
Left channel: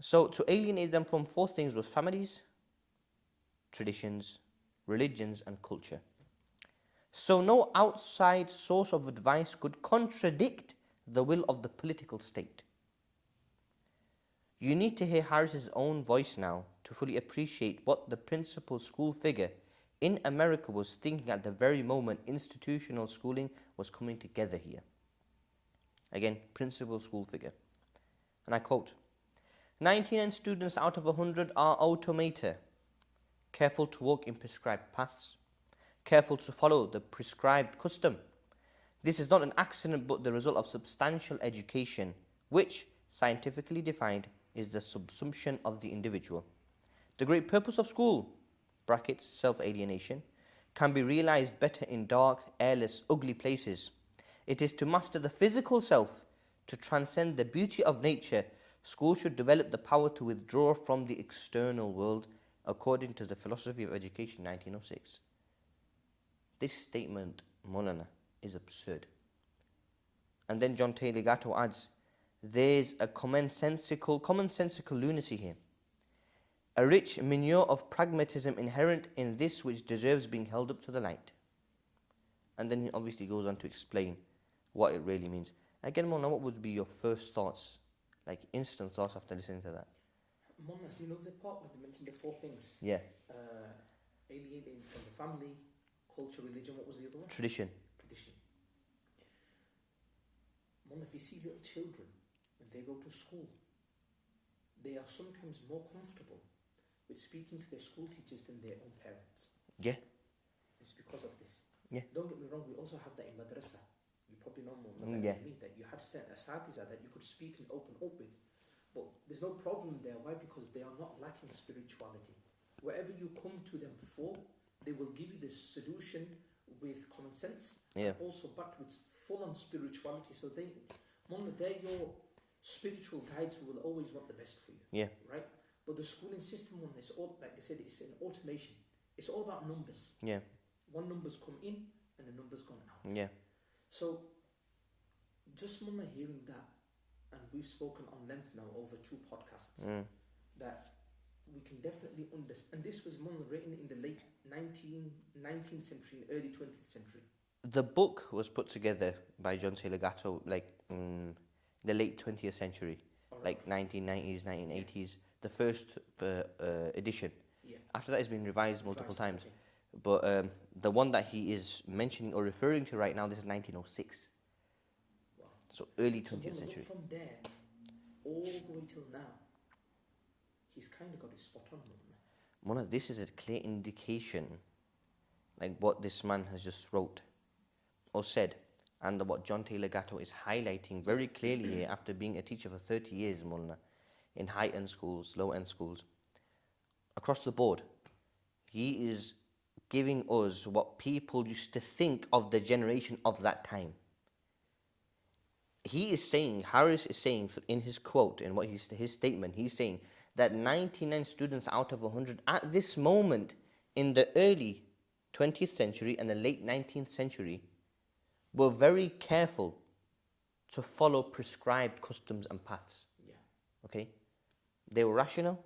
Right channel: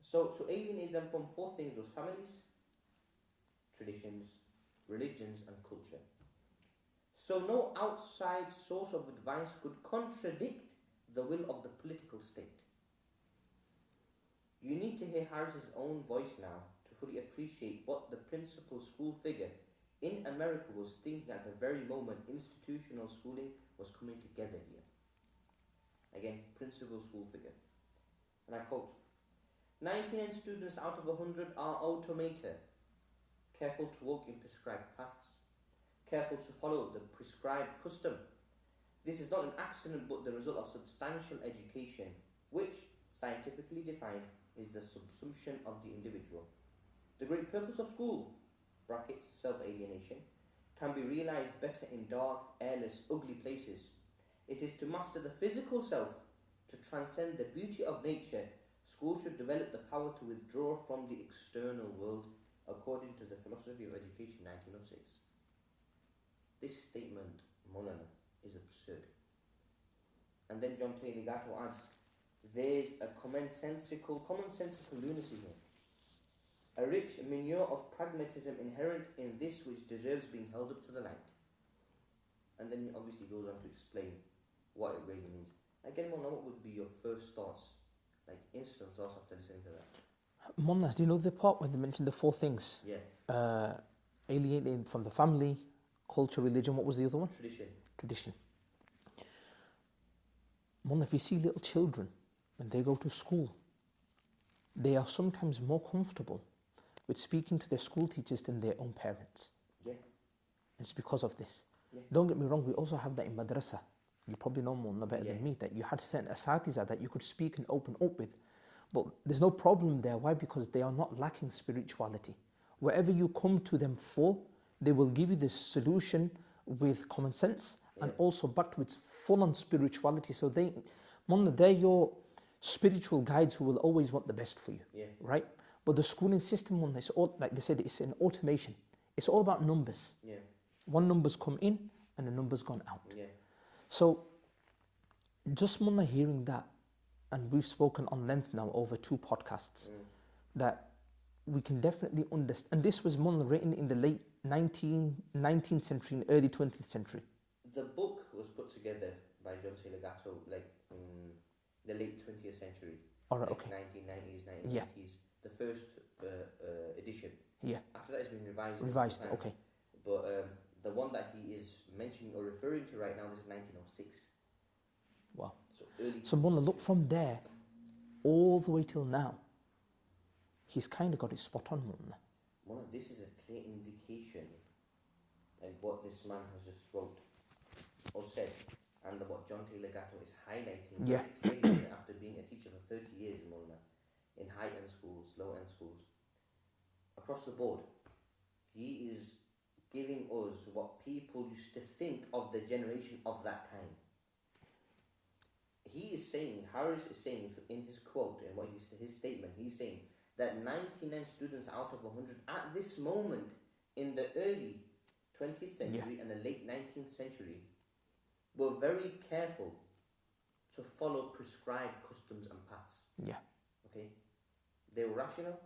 So to alienate them from four things was families, traditions, religions, and culture. So no outside source of advice could contradict the will of the political state. You need to hear Harris's own voice now to fully appreciate what the principal school figure in America was thinking at the very moment institutional schooling was coming together here. Again, principal school figure. And I quote, 99 students out of 100 are automata, careful to walk in prescribed paths, careful to follow the prescribed custom. This is not an accident but the result of substantial education, which, scientifically defined, is the subsumption of the individual. The great purpose of school, brackets, self-alienation, can be realized better in dark, airless, ugly places. It is to master the physical self, to transcend the beauty of nature. School should develop the power to withdraw from the external world, according to the Philosophy of Education 1906. This statement, Monana, is absurd. And then John Taylor Gatto adds, there's a commonsensical lunacy here. A rich manure of pragmatism inherent in this which deserves being held up to the light. And then he obviously goes on to explain what it really means. Again, Mona, what would be your first thoughts, like instant thoughts after listening to that? Mona, do you know the part when they mentioned the four things? Yeah. Alienating from the family, culture, religion, what was the other one? Tradition. Mona, if you see little children, when they go to school, they are sometimes more comfortable with speaking to their school teachers than their own parents. Yeah. It's because of this. Yeah. Don't get me wrong, we also have that in madrasa. You probably know more better than me, that you had certain asatiza that you could speak and open up with. But there's no problem there. Why? Because they are not lacking spirituality. Wherever you come to them for, they will give you the solution with common sense and also backed with full-on spirituality. So they're your spiritual guides who will always want the best for you. Yeah. Right? But the schooling system, it's all, like they said, it's an automation. It's all about numbers. Yeah. One number's come in and the number's gone out. Yeah. So, just Munna hearing that, and we've spoken on length now over 2 podcasts, that we can definitely understand. And this was Munna written in the late 19th century and early 20th century. The book was put together by John Taylor Gatto like in the late 20th century, 1990s, 1980s. The first edition. Yeah. After that, it's been revised multiple times. Okay. But the one that he is mentioning or referring to right now, this is 1906. Wow. So early 20th So Mona, century. look from there all the way till now. He's kind of got it spot on, Mona. Mona, this is a clear indication, like what this man has just wrote or said, and what John Taylor Gatto is highlighting very clearly here after being a teacher for 30 years, Mona, in high-end schools, low-end schools, across the board. He is giving us what people used to think of the generation of that time. He is saying, Harris is saying in his quote, in what his statement, he's saying that 99 students out of 100 at this moment in the early 20th century and the late 19th century were very careful to follow prescribed customs and paths. Yeah. Okay? They were rational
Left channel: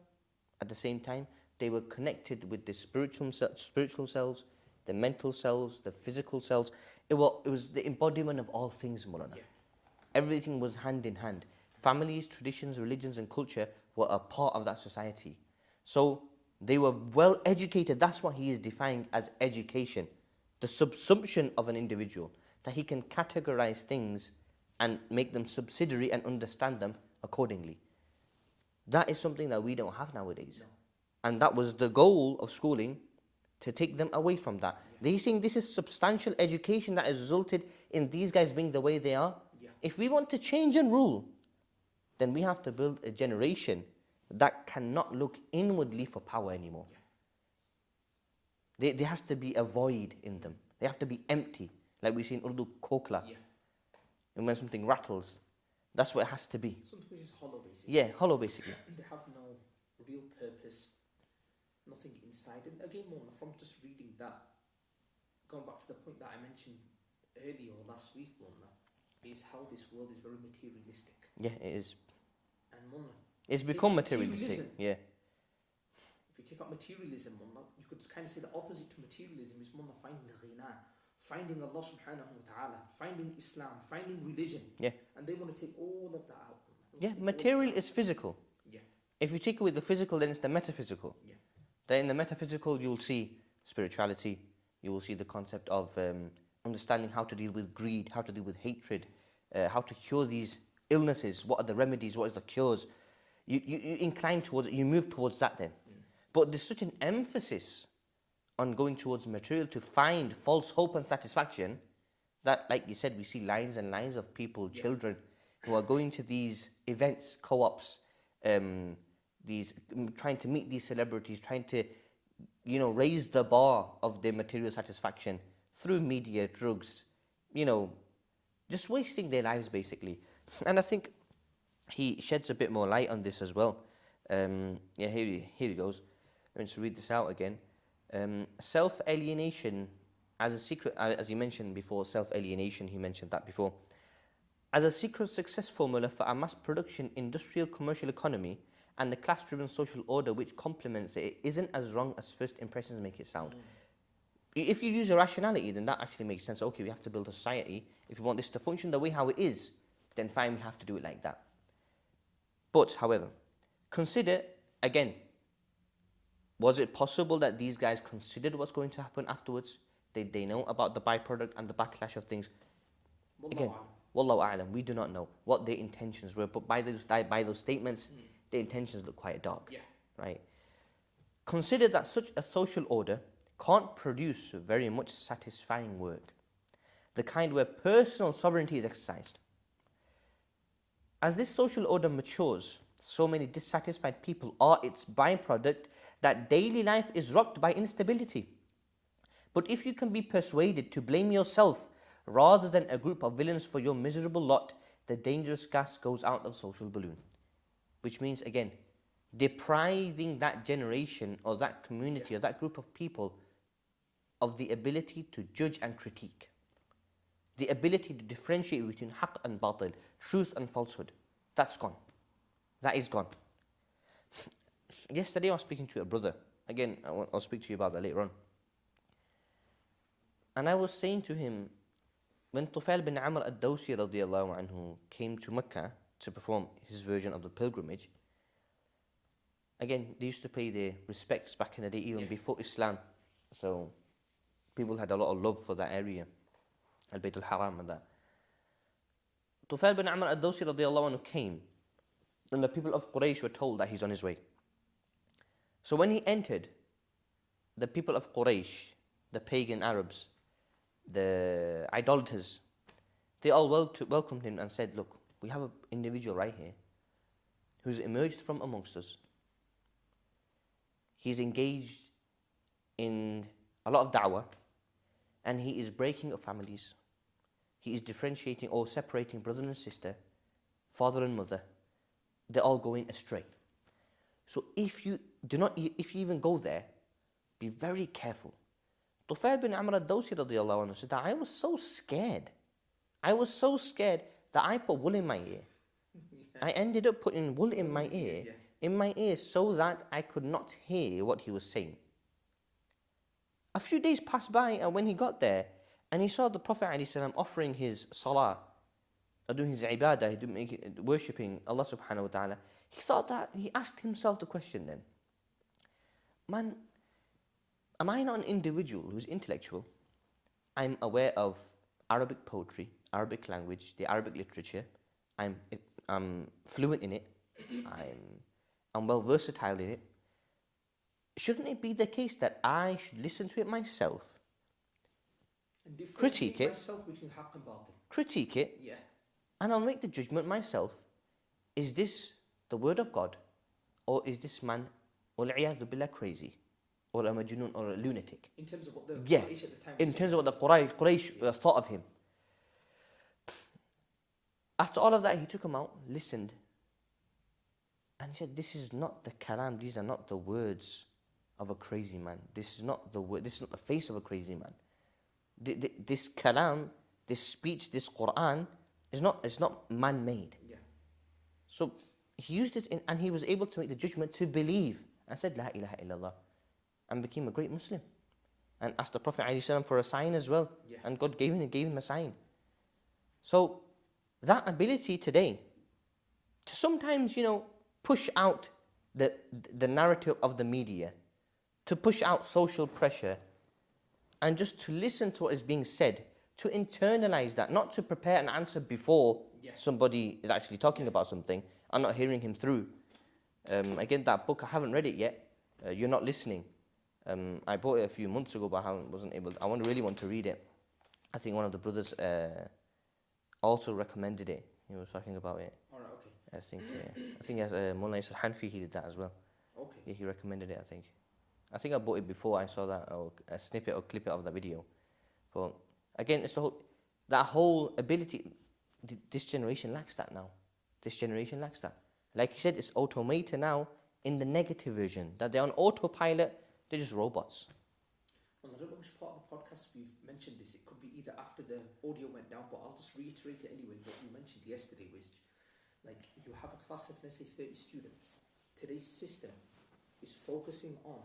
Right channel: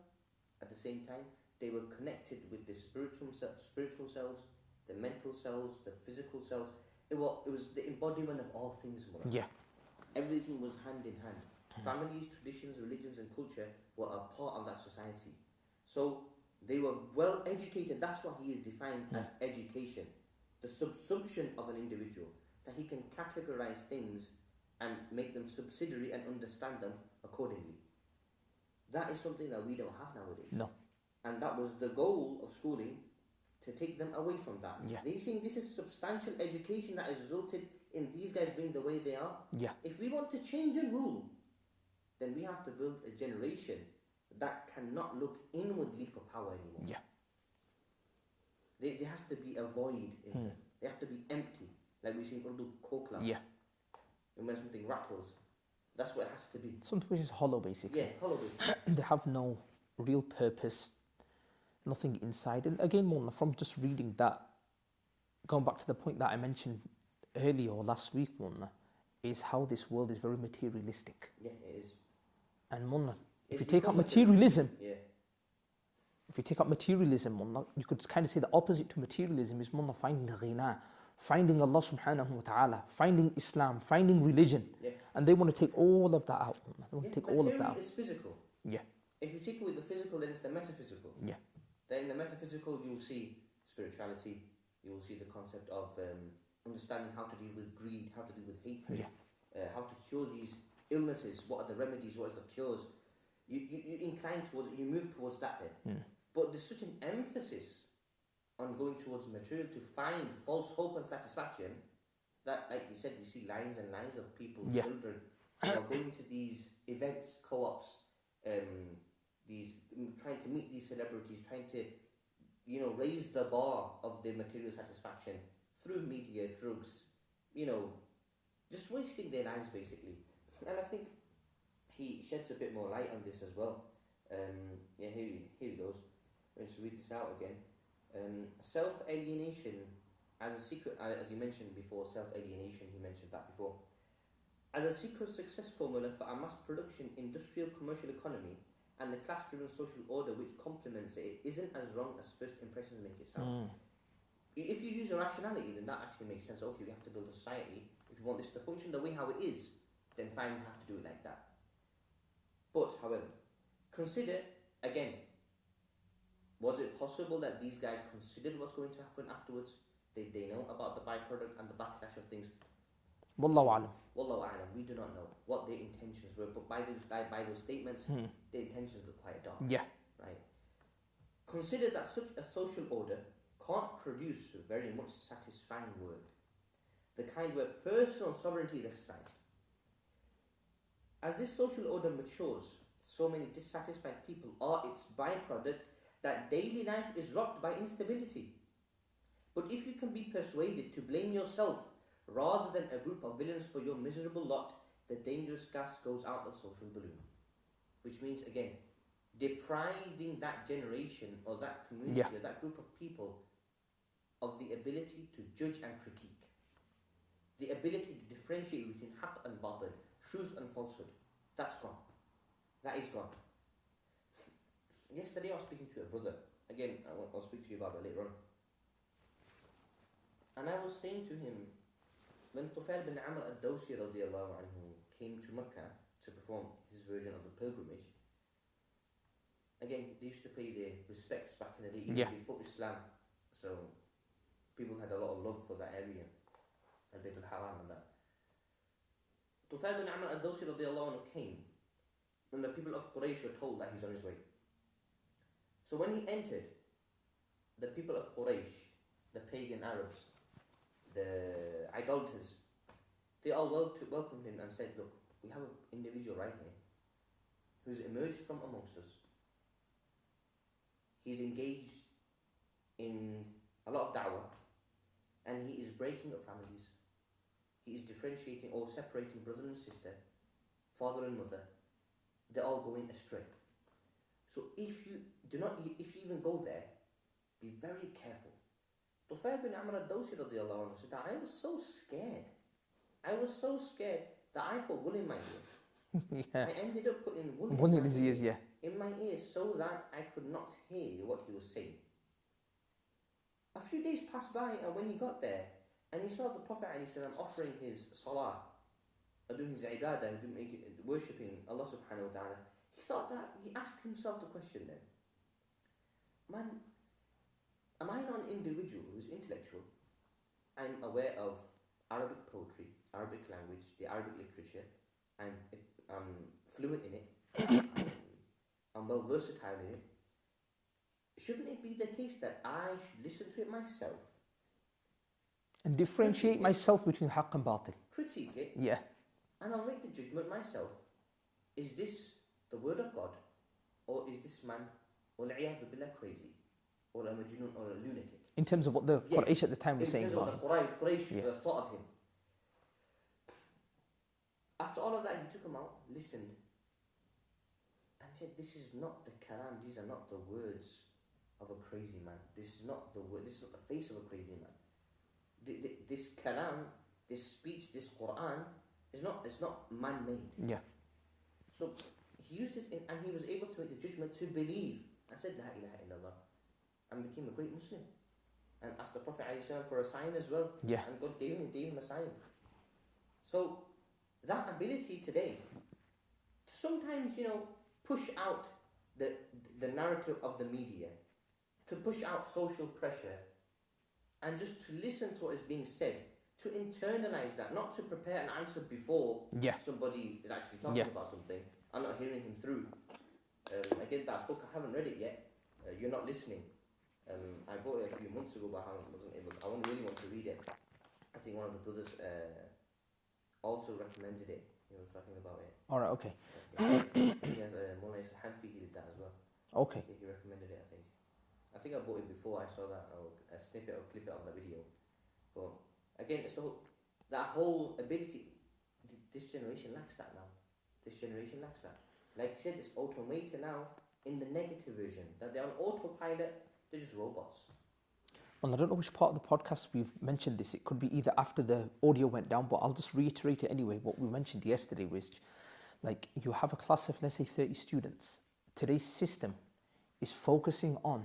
at the same time. They were connected with the spiritual selves, the mental selves, the physical selves. It was the embodiment of all things, Mullah. Yeah. Everything was hand in hand. Families, traditions, religions, and culture were a part of that society. So they were well educated. That's what he is defining as education. the subsumption of an individual, that he can categorize things and make them subsidiary and understand them accordingly. That is something that we don't have nowadays. No. And that was the goal of schooling, to take them away from that. Yeah. They're saying this is substantial education that has resulted in these guys being the way they are. Yeah. If we want to change and rule, then we have to build a generation that cannot look inwardly for power anymore. Yeah. There has to be a void in them. They have to be empty. Like we see in Urdu, kokla. Yeah. And when something rattles, that's what it has to be. Something which is hollow, basically. Yeah, hollow basically. They have no real purpose, nothing inside. And again, Mona, from just reading that, going back to the point that I mentioned earlier or last week, Mona, is how this world is very materialistic. Yeah, it is. And Mona, It's if you take become out materialism. Yeah. If you take up materialism, Mona, you could kind of say the opposite to materialism is Mona, finding ghina, finding Allah subhanahu wa ta'ala, finding Islam, finding religion. Yeah. And they want to take all of that out. Yeah, material is physical. Yeah. If you take away the physical, then it's the metaphysical. Yeah. Then in the metaphysical, you'll see spirituality. You will see the concept of understanding how to deal with greed, how to deal with hatred, how to cure these illnesses. What are the remedies? What is the cures? You incline towards it. You move towards that then. But there's such an emphasis on going towards material to find false hope and satisfaction that, like you said, we see lines and lines of people, children, who are going to these events, co-ops, these trying to meet these celebrities, trying to, raise the bar of their material satisfaction through media, drugs, just wasting their lives basically. And I think he sheds a bit more light on this as well. Here he goes. I'm going to read this out again. Self-alienation as a secret, as he mentioned before, self-alienation, he mentioned that before. As a secret success formula for a mass production industrial commercial economy and the class-driven social order which complements it, isn't as wrong as first impressions make it sound. If you use your rationality, then that actually makes sense. Okay, we have to build a society. If we want this to function the way how it is, then fine, we have to do it like that. But, however, consider, again, was it possible that these guys considered what's going to happen afterwards? Did they know about the byproduct and the backlash of things? Wallahu a'lam. Wallahu a'lam. We do not know what their intentions were, but by those statements, their intentions look quite dark. Yeah. Right. Consider that such a social order can't produce very much satisfying work, the kind where personal sovereignty is exercised. As this social order matures, so many dissatisfied people are its byproduct that daily life is rocked by instability. But if you can be persuaded to blame yourself rather than a group of villains for your miserable lot, the dangerous gas goes out of social balloon. Which means, again, depriving that generation or that community or that group of people of the ability to judge and critique. The ability to differentiate between haqq and batil, truth and falsehood. That's gone. That is gone. Yesterday I was speaking to a brother. Again, I'll speak to you about that later on. And I was saying to him, when Tufail bin Amr al-Dawsi radiallahu anhu came to Mecca to perform his version of the pilgrimage, again, they used to pay their respects back in the day, even before Islam. So people had a lot of love for that area, Al-Bayt al-Haram and that. Tufail bin Amr al-Dawsi radiallahu anhu came, and the people of Quraysh were told that he's on his way. So when he entered, the people of Quraysh, the pagan Arabs, the idolaters, they all welcomed him and said, look, we have an individual right here who's emerged from amongst us. He's engaged in a lot of da'wah, and he is breaking up families. He is differentiating or separating brother and sister, father and mother. They're all going astray. So if you even go there, be very careful. Tufail bin Amr al-Dawsi radiallahu anhu said that I was so scared. I was so scared that I put wool in my ear. I ended up putting wool in my ear. In my ears, so that I could not hear what he was saying. A few days passed by, and when he got there, and he saw the Prophet ﷺ offering his salah, or doing his ibadah, worshipping Allah subhanahu wa ta'ala, he asked himself the question then, man, am I not an individual who's intellectual? I'm aware of Arabic poetry, Arabic language, the Arabic literature. I'm fluent in it. I'm well versatile in it. Shouldn't it be the case that I should listen to it myself, And differentiate myself between haqq and batil. critique it, Yeah. and I'll make the judgment myself? Is this the word of God, or is this man, وَالْعِيَاذُ بِاللَّهِ, crazy, or a majnun, or a lunatic? In terms of what the Yeah. Quraysh at the time was In saying. terms of what about the Quraysh thought of him. After all of that, he took him out, listened, and said, "This is not the kalam. These are not the words of a crazy man. This is not the word. This is not the face of a crazy man. This kalam, this speech, this Quran is not. It's not man-made." Yeah. So he used it, and he was able to make the judgment to believe, and said, "La ilaha illallah," and became a great Muslim, and asked the Prophet ﷺ for a sign as well. Yeah. And God gave him a sign. So that ability today to sometimes, push out the narrative of the media, to push out social pressure, and just to listen to what is being said, to internalize that, not to prepare an answer before somebody is actually talking about something and not hearing him through. Again, that book, I haven't read it yet. You're Not Listening. I bought it a few months ago, but wasn't able. I really want to read it. I think one of the brothers also recommended it. He was talking about it. All right. Okay. I think as Mullah Isra Hanfi, he did that as well. Okay. Yeah, he recommended it. I think I bought it before I saw that, or a snippet or clip of that video. But again, it's that whole ability. This generation lacks that now. This generation lacks that. Like you said, it's automated now in the negative version. That they're on autopilot. They're just robots. Well, I don't know which part of the podcast we've mentioned this. It could be either after the audio went down, but I'll just reiterate it anyway. What we mentioned yesterday was, like, you have a class of, let's say, 30 students. Today's system is focusing on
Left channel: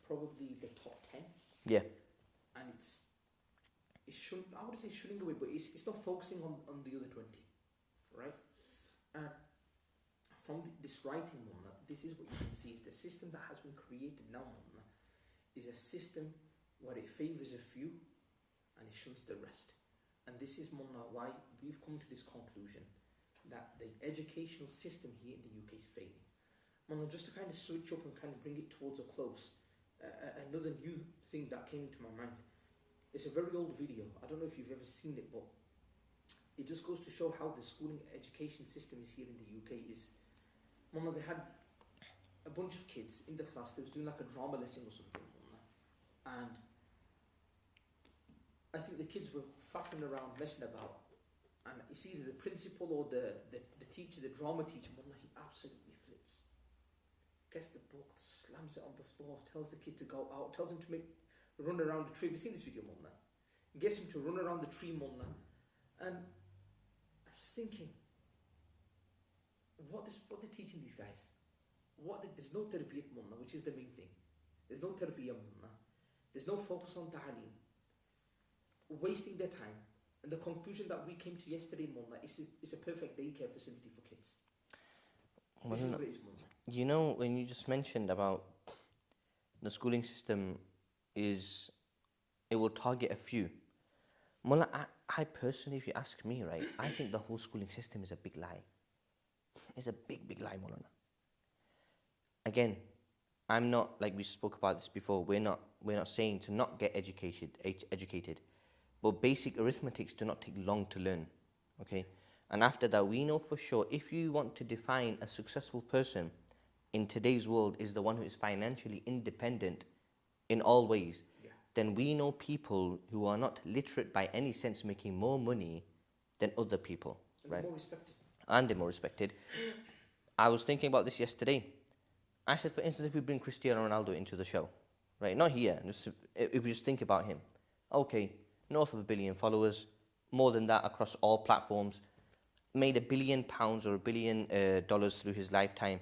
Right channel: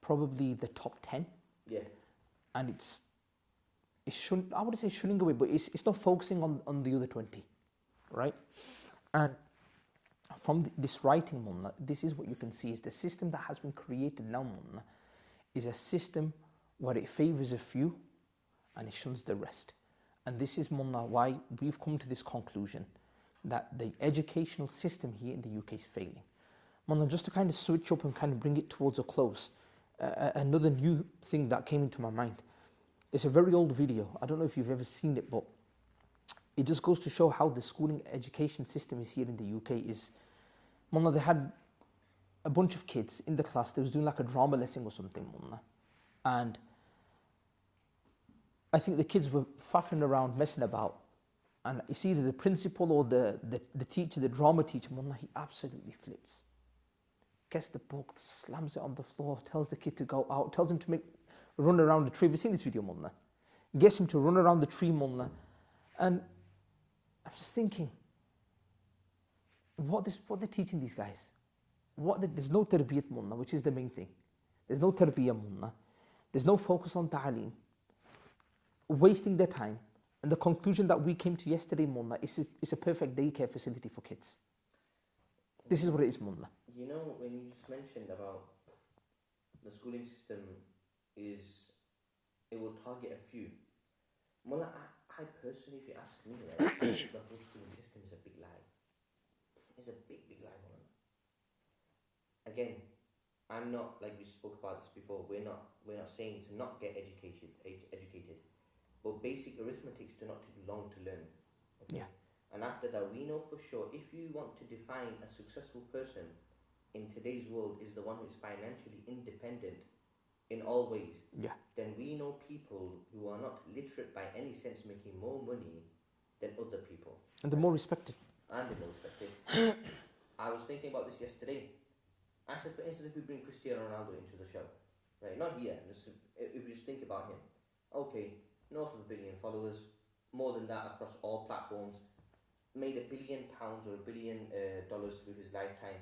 probably the top 10. Yeah. And I wouldn't say shunning away, but it's not focusing on the other 20, right? And from this writing, Mullah, this is what you can see, is the system that has been created now, Mullah, is a system where it favours a few and it shuns the rest. And this is, Mullah, why we've come to this conclusion that the educational system here in the UK is failing. Mullah, just to kind of switch up and kind of bring it towards a close, another new thing that came into my mind. It's a very old video. I don't know if you've ever seen it, but it just goes to show how the schooling education system is here in the UK. Mullah, they had a bunch of kids in the class. They was doing like a drama lesson or something, Mullah. And I think the kids were faffing around, messing about. And it's either the principal or the teacher, the drama teacher, Mullah, he absolutely flips. Gets the book, slams it on the floor, tells the kid to go out, tells him to run around the tree. Have you seen this video, Mullah? Gets him to run around the tree, Mullah. And I'm just thinking, what they're teaching these guys? There's no tarbiyat, Mullah, which is the main thing. There's no tarbiyat, Mullah. There's no focus on ta'aleem. Wasting their time. And the conclusion that we came to yesterday, Mullah, is a perfect daycare facility for kids. This is what it is, Mullah. You know, when you just mentioned about the schooling system it will target a few. Mullah, I personally, if you ask me, right, I think the whole schooling system is a big lie. It's a big, big lie, Mullah. Again, I'm not, like we spoke about this before, we're not saying to not get educated, but basic arithmetics do not take long to learn, okay? Yeah. And after that, we know for sure, if you want to define a successful person in today's world is the one who is financially independent in all ways, then we know people who are not literate by any sense making more money than other people. And they're more respected. And they're more respected. I was thinking about this yesterday. I said, for instance, if we bring Cristiano Ronaldo into the show, right? Not here, if we just think about him. Okay, north of 1 billion followers, more than that across all platforms, made £1 billion or $1 billion through his lifetime.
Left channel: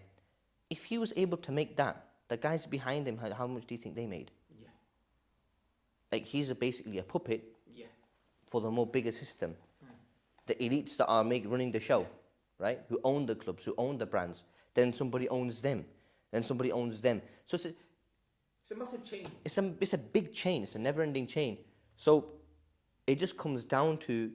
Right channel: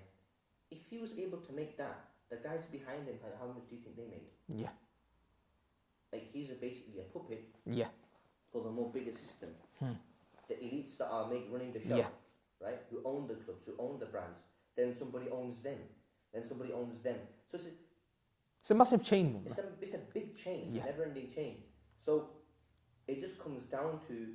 If he was able to make that, the guys behind him, how much do you think they made? Yeah. Like, he's basically a puppet. Yeah. For the more bigger system. The elites that are running the show, right? Who own the clubs, who own the brands. Then somebody owns them. Then somebody owns them. So it's a massive chain. It's a big chain. It's a never-ending chain. So it just comes down to,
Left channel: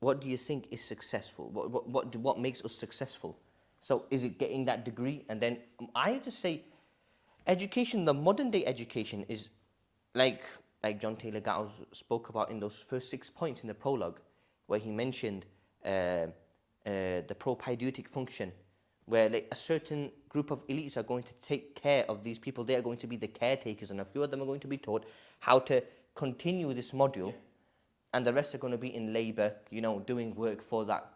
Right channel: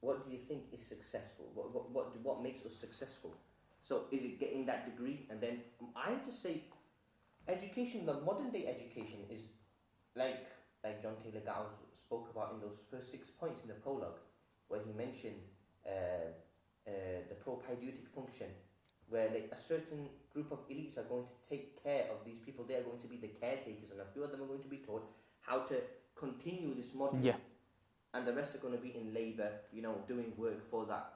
what do you think is successful? What makes us successful? So is it getting that degree? And then I just say, education, the modern day education is like John Taylor Gatto spoke about in those first 6 points in the prologue, where he mentioned the propaidetic function, where like a certain group of elites are going to take care of these people. They are going to be the caretakers, and a few of them are going to be taught how to continue this module. Yeah. And the rest are going to be in labor, doing work for that.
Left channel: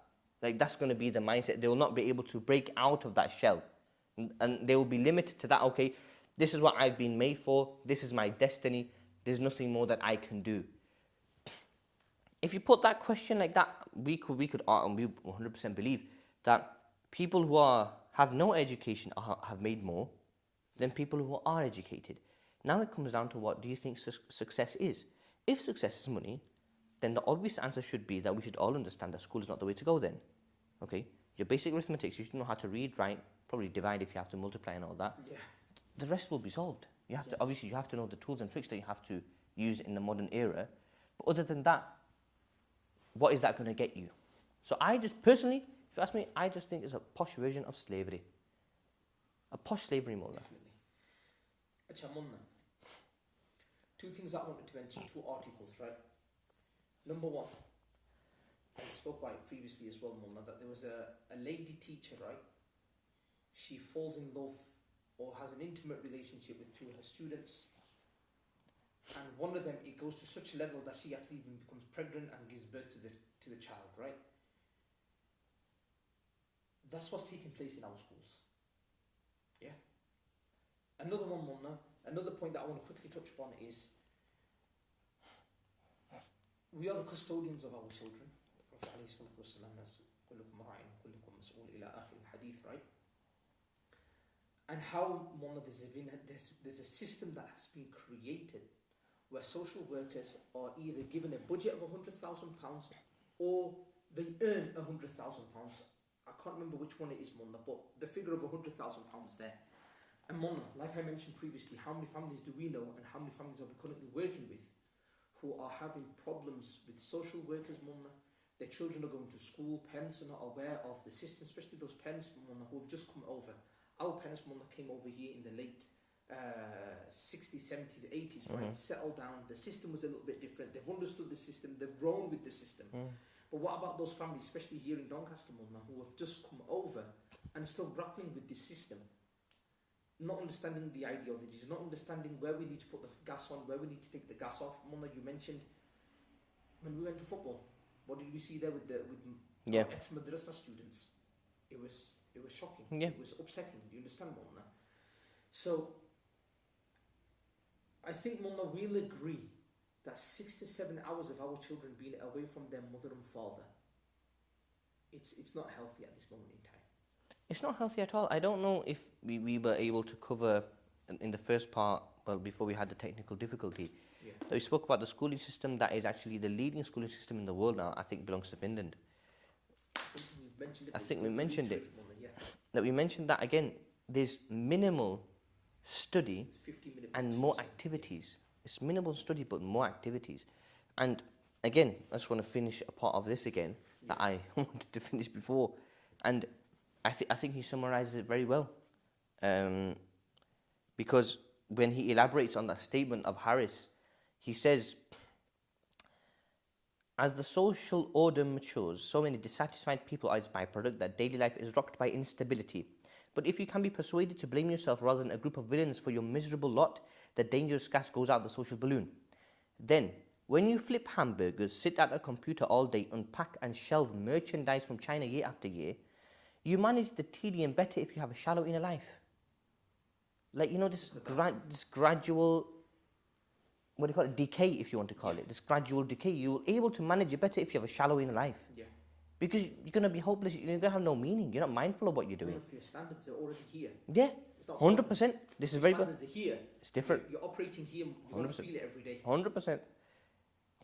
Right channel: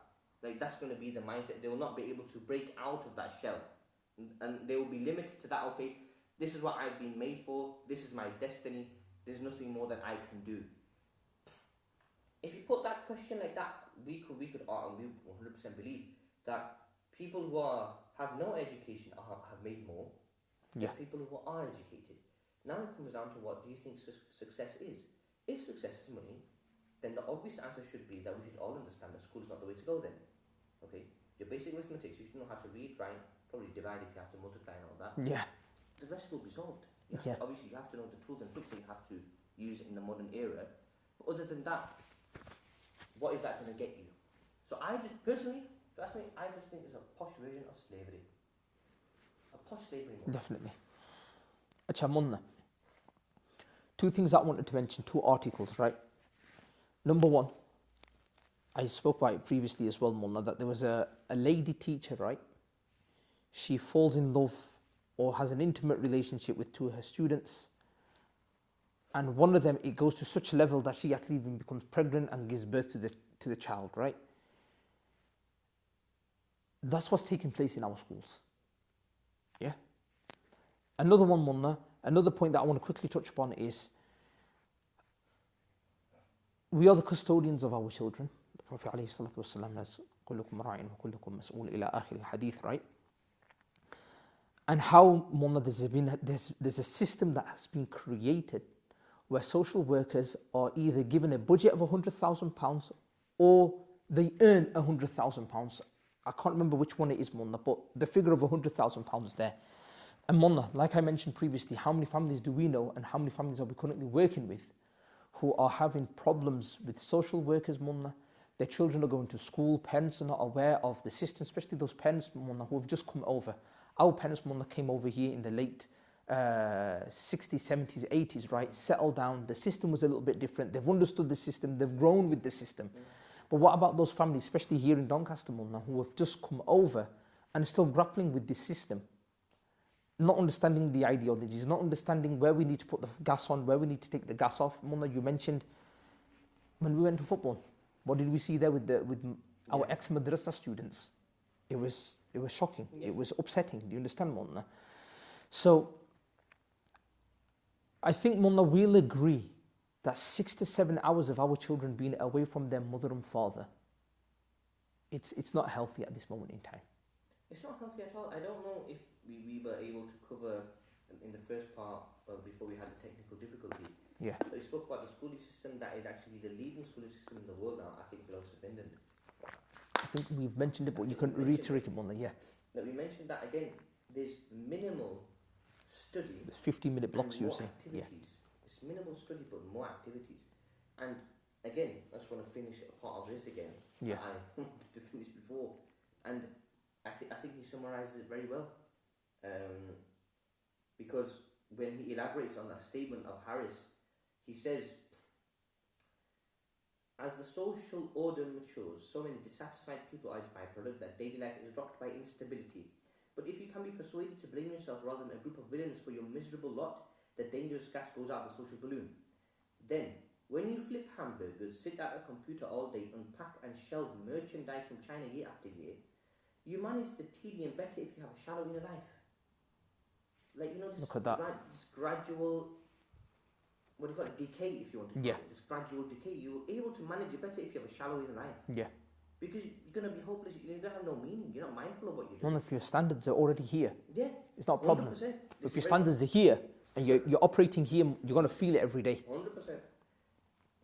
Like, that's going to be the mindset. They will not be able to break out of that shell. And they will be limited to that. Okay, this is what I've been made for. This is my destiny. There's nothing more that I can do. If you put that question like that, we could and we 100% believe that people who have no education have made more than people who are educated. Now it comes down to, what do you think success is? If success is money, then the obvious answer should be that we should all understand that school is not the way to go then. Okay? Your basic arithmetic, you should know how to read, write, probably divide if you have to multiply and all that. Yeah. The rest will be solved. You have to, obviously, you have to know the tools and tricks that you have to use in the modern era. But other than that, what is that going to get you? So I just, personally, if you ask me, I just think it's a posh version of slavery. A posh slavery model. Definitely. Acha Munna. Two things I wanted to mention, two articles, right? Number one, I spoke about it previously as well, Munna, that there was a lady teacher, right? She falls in love or has an intimate relationship with two of her students. And one of them, it goes to such a level that she actually even becomes pregnant and gives birth to the child, right? That's what's taking place in our schools. Yeah? Another one, Munna, another point that I want to quickly touch upon is, we are the custodians of our children. The Prophet ﷺ has كلكم راع وكلكم مسؤول إلى آخر الحديث, right? And how, Munna, there's a system that has been created where social workers are either given a budget of £100,000 or they earn £100,000. I can't remember which one it is, Munna, but the figure of £100,000 is there. And Munna, like I mentioned previously, how many families do we know and how many families are we currently working with who are having problems with social workers, Munna? Their children are going to school, parents are not aware of the system, especially those parents, Munna, who have just come over. Our parents, Munna, came over here in the late 60s, 70s, 80s, right? Settled down. The system was a little bit different. They've understood the system. They've grown with the system. But what about those families, especially here in Doncaster, Munna, who have just come over and are still grappling with this system? Not understanding the ideologies, not understanding where we need to put the gas on, where we need to take the gas off. Munna, you mentioned when we went to football, what did we see there with our ex-madrasa students? It was shocking. Yeah. It was upsetting. Do you understand, Munna? So I think, Munna, we'll agree that 6 to 7 hours of our children being away from their mother and father, it's not healthy at this moment in time. It's not healthy at all. I don't know if we were able to cover in the first part, well, before we had the technical difficulty. Yeah. So we spoke about the schooling system that is actually the leading schooling system in the world now. I think it belongs to Finland. I think we've mentioned it, but you couldn't reiterate it, Munna, yeah. That we mentioned that again, there's minimal study. There's 15-minute blocks and more activities. Yeah. It's minimal study, but more activities. And again, I just want to finish a part of this again that I wanted to finish before. And I think he summarizes it very well. Because when he elaborates on that statement of Harris, he says, as the social order matures, so many dissatisfied people are its byproduct that daily life is rocked by instability. But if you can be persuaded to blame yourself rather than a group of villains for your miserable lot, the dangerous gas goes out the social balloon. Then, when you flip hamburgers, sit at a computer all day, unpack and shelve merchandise from China year after year, you manage the tedium better if you have a shallow inner life. Like, this gradual, what do you call it, decay, if you want to call it, this gradual decay. You're able to manage it better if you have a shallow inner life. Yeah. Because you're going to be hopeless, you're going to have no meaning, you're not mindful of what you're doing. None of your standards are already here. Yeah. It's not 100%. If your standards are here, and you're operating here, you're going to feel it every day. 100%.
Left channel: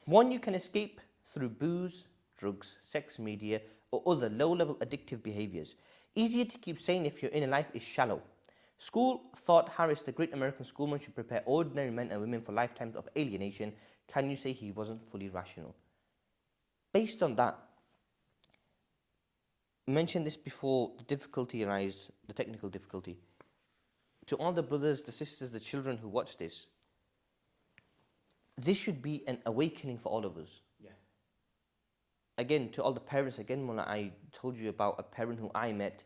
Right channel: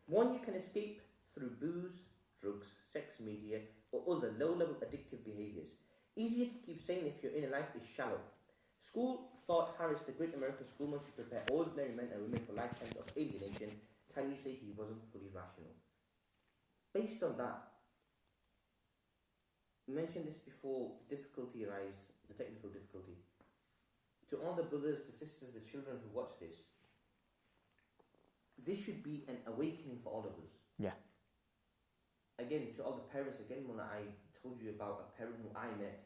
One, you can escape through booze, drugs, sex media, or other low-level addictive behaviors. Easier to keep sane if your inner life is shallow. School thought Harris, the great American schoolman, should prepare ordinary men and women for lifetimes of alienation, can you say he wasn't fully rational? Based on that, I mentioned this before, the difficulty arise, the technical difficulty. To all the brothers, the sisters, the children who watch this, this should be an awakening for all of us. Yeah. Again, to all the parents, again, when I told you about a parent who I met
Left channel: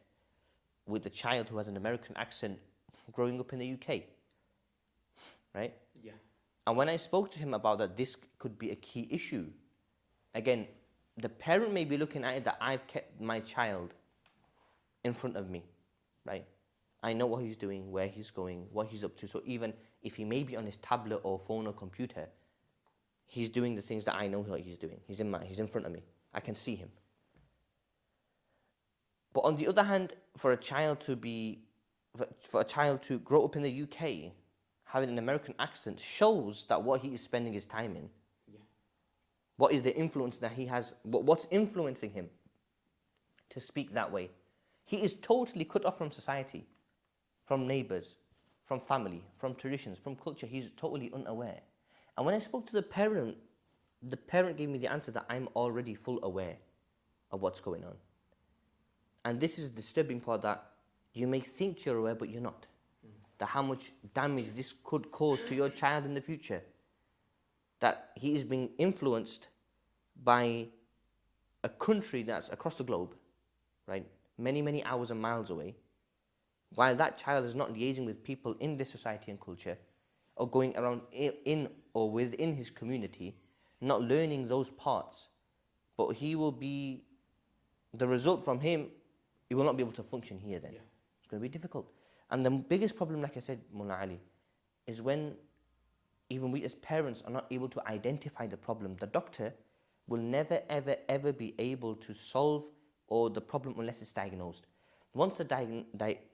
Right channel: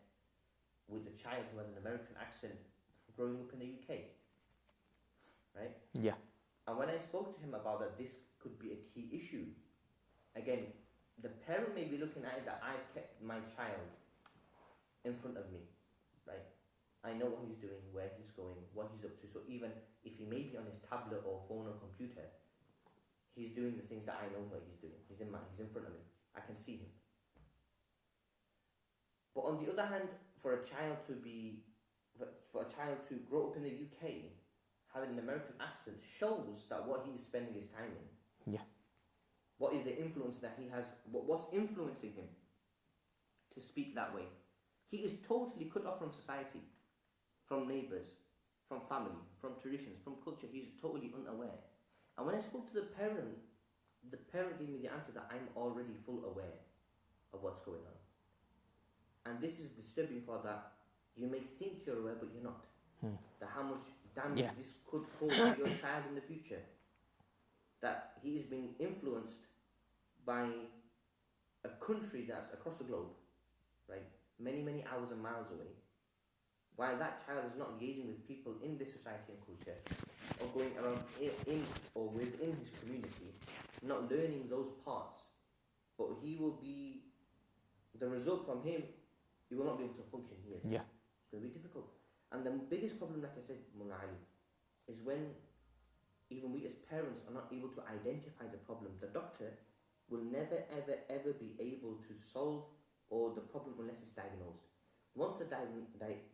with a child who has an American accent growing up in the UK, right? Yeah. And when I spoke to him about that, this could be a key issue. Again, the parent may be looking at it that I've kept my child in front of me, right? I know what he's doing, where he's going, what he's up to. So even if he may be on his tablet or phone or computer, he's doing the things that I know what he's doing. He's in front of me. I can see him. But on the other hand, for a child to grow up in the UK, having an American accent shows that what he is spending his time in. Yeah. What is the influence that he has? What's influencing him to speak that way? He is totally cut off from society, from neighbours, from family, from traditions, from culture. He's totally unaware. And when I spoke to the parent gave me the answer that I'm already full aware of what's going on. And this is the disturbing part, that you may think you're aware, but you're not. That how much damage this could cause to your child in the future. That he is being influenced by a country that's across the globe, right? Many, many hours and miles away. While that child is not liaising with people in this society and culture, or going around in or within his community, not learning those parts, but he will be, the result from him, he will not be able to function here then. Yeah. It's going to be difficult. And the biggest problem, like I said, Mullah Ali, is when even we as parents are not able to identify the problem. The doctor will never, ever, ever be able to solve or the problem unless it's diagnosed. Once the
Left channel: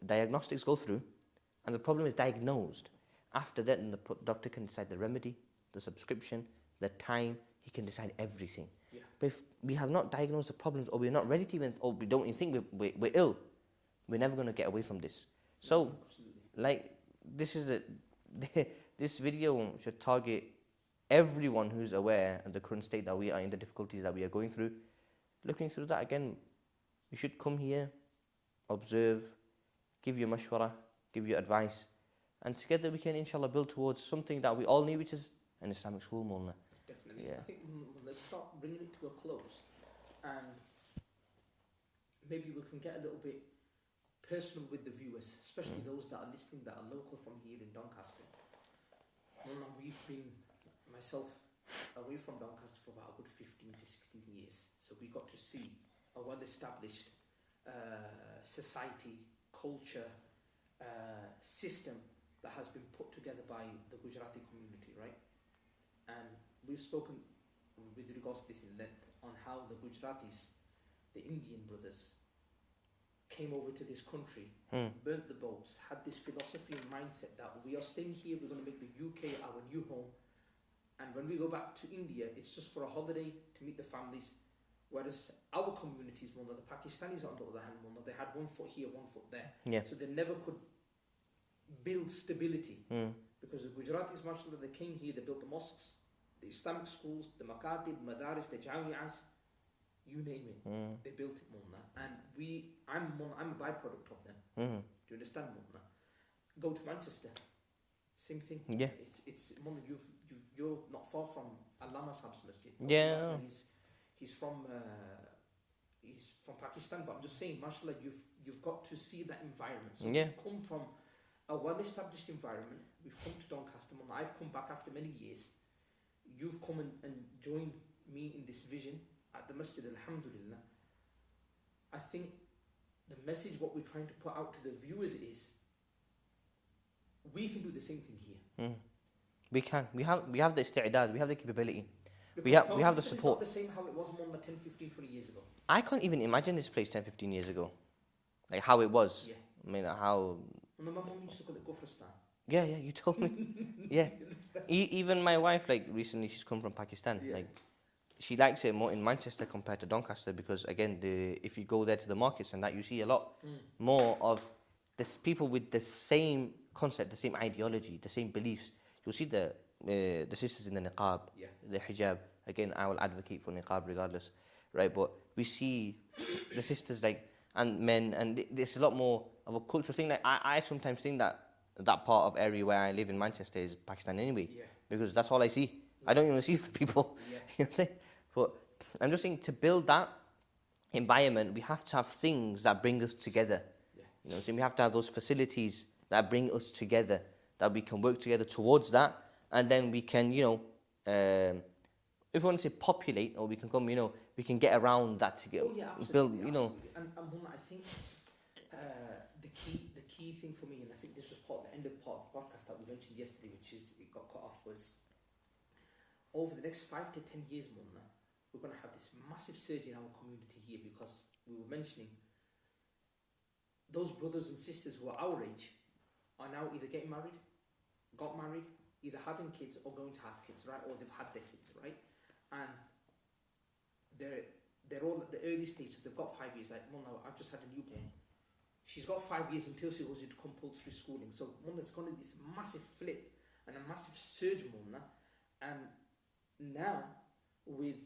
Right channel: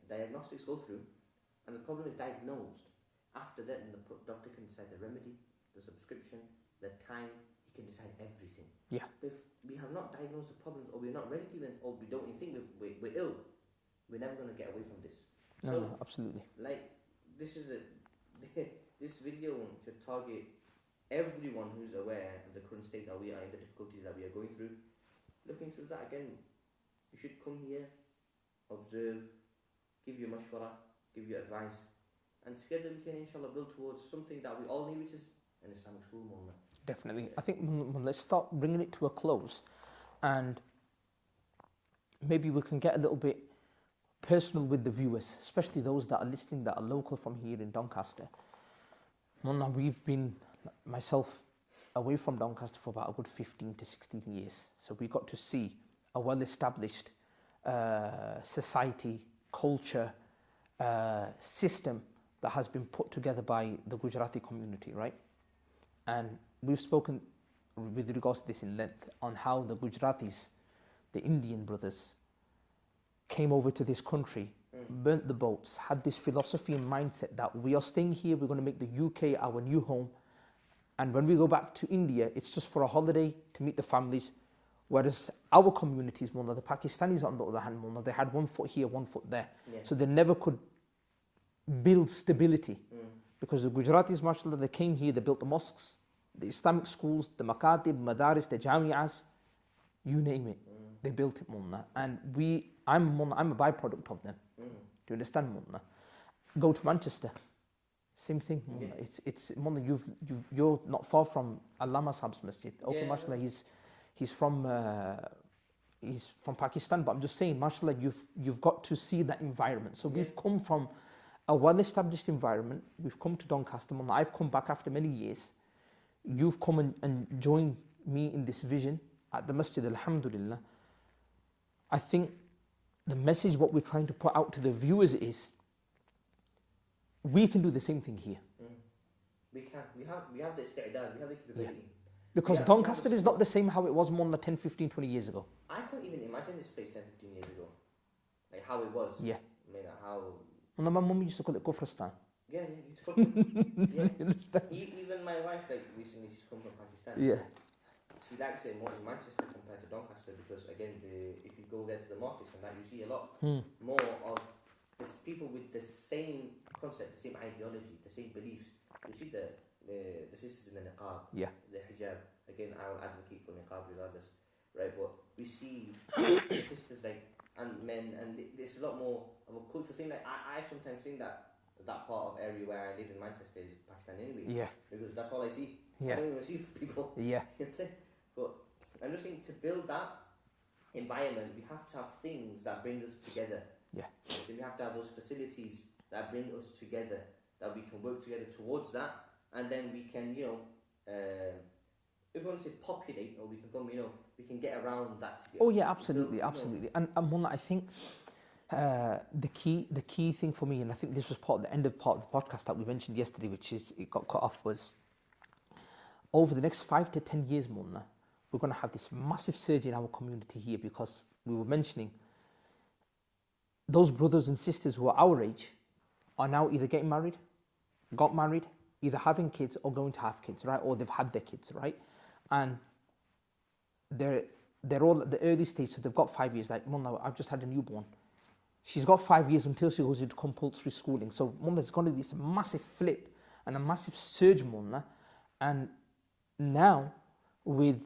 diagnostics go through and the problem is diagnosed, after that, then the doctor can decide the remedy, the subscription, the time. He can decide everything. Yeah. But if we have not diagnosed the problems, or we're not ready to even, or we don't even think we're ill, we're never going to get away from this. So, absolutely. Like, this is this video should target everyone who's aware of the current state that we are in, the difficulties that we are going through. Looking through that again, you should come here, observe, give you mashwara, give you advice, and together we can inshallah build towards something that we all need, which is an Islamic school, Mullah. Definitely. Yeah. I think let's start bringing it to a close, and maybe we can get a little bit personal with the viewers, especially those that are listening that are local from here in Doncaster. Mullah, we've been, myself, away from Doncaster for about a good 15 to 16 years. So we got to see a well-established society, culture, system that has been put together by the Gujarati community, right? And we've spoken with regards to this in length on how the Gujaratis, the Indian brothers, came over to this country, burnt the boats, had this philosophy and mindset that we are staying here, we're going to make the UK our new home. And when we go back to India, it's just for a holiday to meet the families. Whereas our communities, Mullah, the Pakistanis on the other hand, Mullah, they had one foot here, one foot there. Yeah. So they never could build stability. Because the Gujaratis, mashallah, they came here, they built the mosques, the Islamic schools, the makatib, madaris, the jami'as, you name it. They built it, Mullah. And I'm a byproduct of them. Do you understand, Mullah? Go to Manchester, same thing. Mullah. Yeah. It's Mullah, you're not far from Allama Saab's masjid. Yeah. Mashallah, he's from Pakistan, but I'm just saying, mashallah, you've got to see that environment. So we've come from a well-established environment. We've come to Doncaster. Mullah, I've come back after many years. You've come and joined me in this vision at the masjid, alhamdulillah. I think the message, what we're trying to put out to the viewers is, we can do the same thing here. We can. We have the isti'dad, we have the capability. Because Doncaster is not the same how it was more than 10, 15, 20 years ago. I can't even imagine this place 10, 15 years ago. Like how it was. Yeah. I mean, how... Well, my mum used to call it Kufristan. Yeah, you told me. Yeah. Even my wife, like, recently she's come from Pakistan. Yeah. Like, she likes it more in Manchester compared to Doncaster because, again, if you go there to the markets and that, you see a lot more of this people with the same concept, the same ideology, the same beliefs. You'll see the the sisters in the niqab, Yeah. the hijab. Again, I will advocate for niqab regardless, right? But we see the sisters like and men, and there's a lot more of a cultural thing. Like I sometimes think that part of area where I live in Manchester is Pakistan anyway. Yeah. Because that's all I see. Yeah. I don't even see the people. Yeah. You know what I'm saying? But I'm just saying to build that environment, we have to have things that bring us together. Yeah. You know what I'm saying? We have to have those facilities that bring us together, that we can work together towards that, and then we can, if we want to say populate, or we can come, we can get around that together. Oh yeah, absolutely, absolutely. And Mullah, I think the key thing for me, and I think this was the end of the podcast that we mentioned yesterday, which is it got cut off, was over the next 5 to 10 years, Mullah, we're going to have this massive surge in our community here, because we were mentioning those brothers and sisters who are our age are now either getting married, got married, either having kids or going to have kids, right? Or they've had their kids, right? And they're all at the early stage, so they've got 5 years. Like, Mullah, I've just had a newborn. She's got 5 years until she goes into compulsory schooling. So, Mullah, there's going to be this massive flip and a massive surge, Mullah. And now, with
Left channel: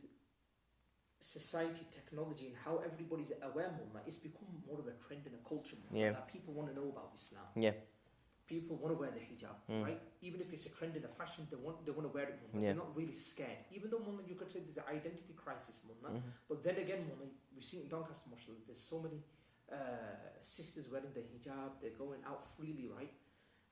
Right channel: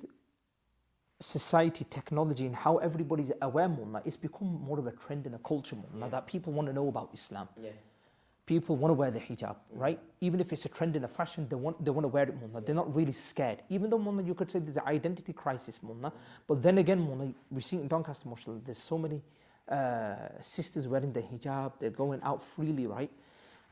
society, technology, and how everybody's aware, Mullah, it's become more of a trend and a culture, Mullah, that people want to know about Islam. Yeah. People want to wear the hijab, right? Even if it's a trend in a fashion, they want to wear it, Mullah. They're not really scared. Even though, Mullah, you could say there's an identity crisis, Mullah. But then again, Mullah, we see in Doncaster, mashallah, there's so many sisters wearing the hijab. They're going out freely, right?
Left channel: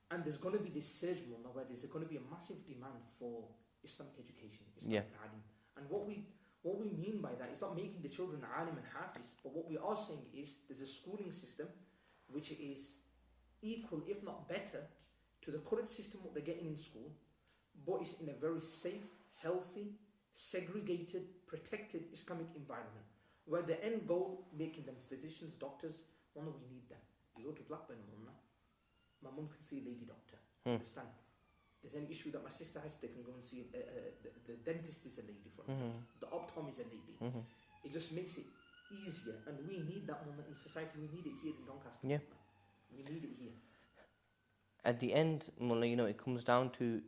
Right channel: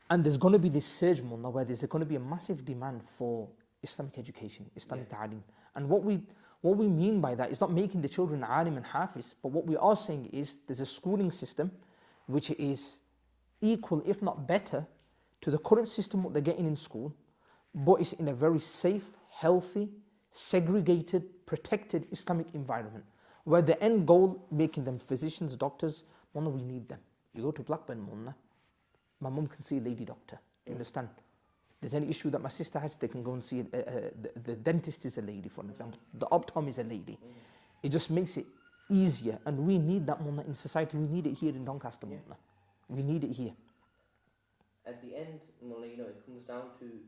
And there's going to be this surge, Mullah, where there's going to be a massive demand for Islamic education, Islamic ta'alim. And what we mean by that is not making the children alim and hafiz, but what we are saying is there's a schooling system which is equal, if not better, to the current system what they're getting in school, but it's in a very safe, healthy, segregated, protected Islamic environment, where the end goal, making them physicians, doctors, Mullah, we need them. You go to Blackburn, Mullah, my mum can see a lady doctor, understand? There's any issue that my sister has, they can go and see, the dentist is a lady, for example, the optom is a lady. It just makes it easier, and we need that, Mullah, in society. We need it here in Doncaster, Mullah. We need it here. At the end, Mullah, it comes down to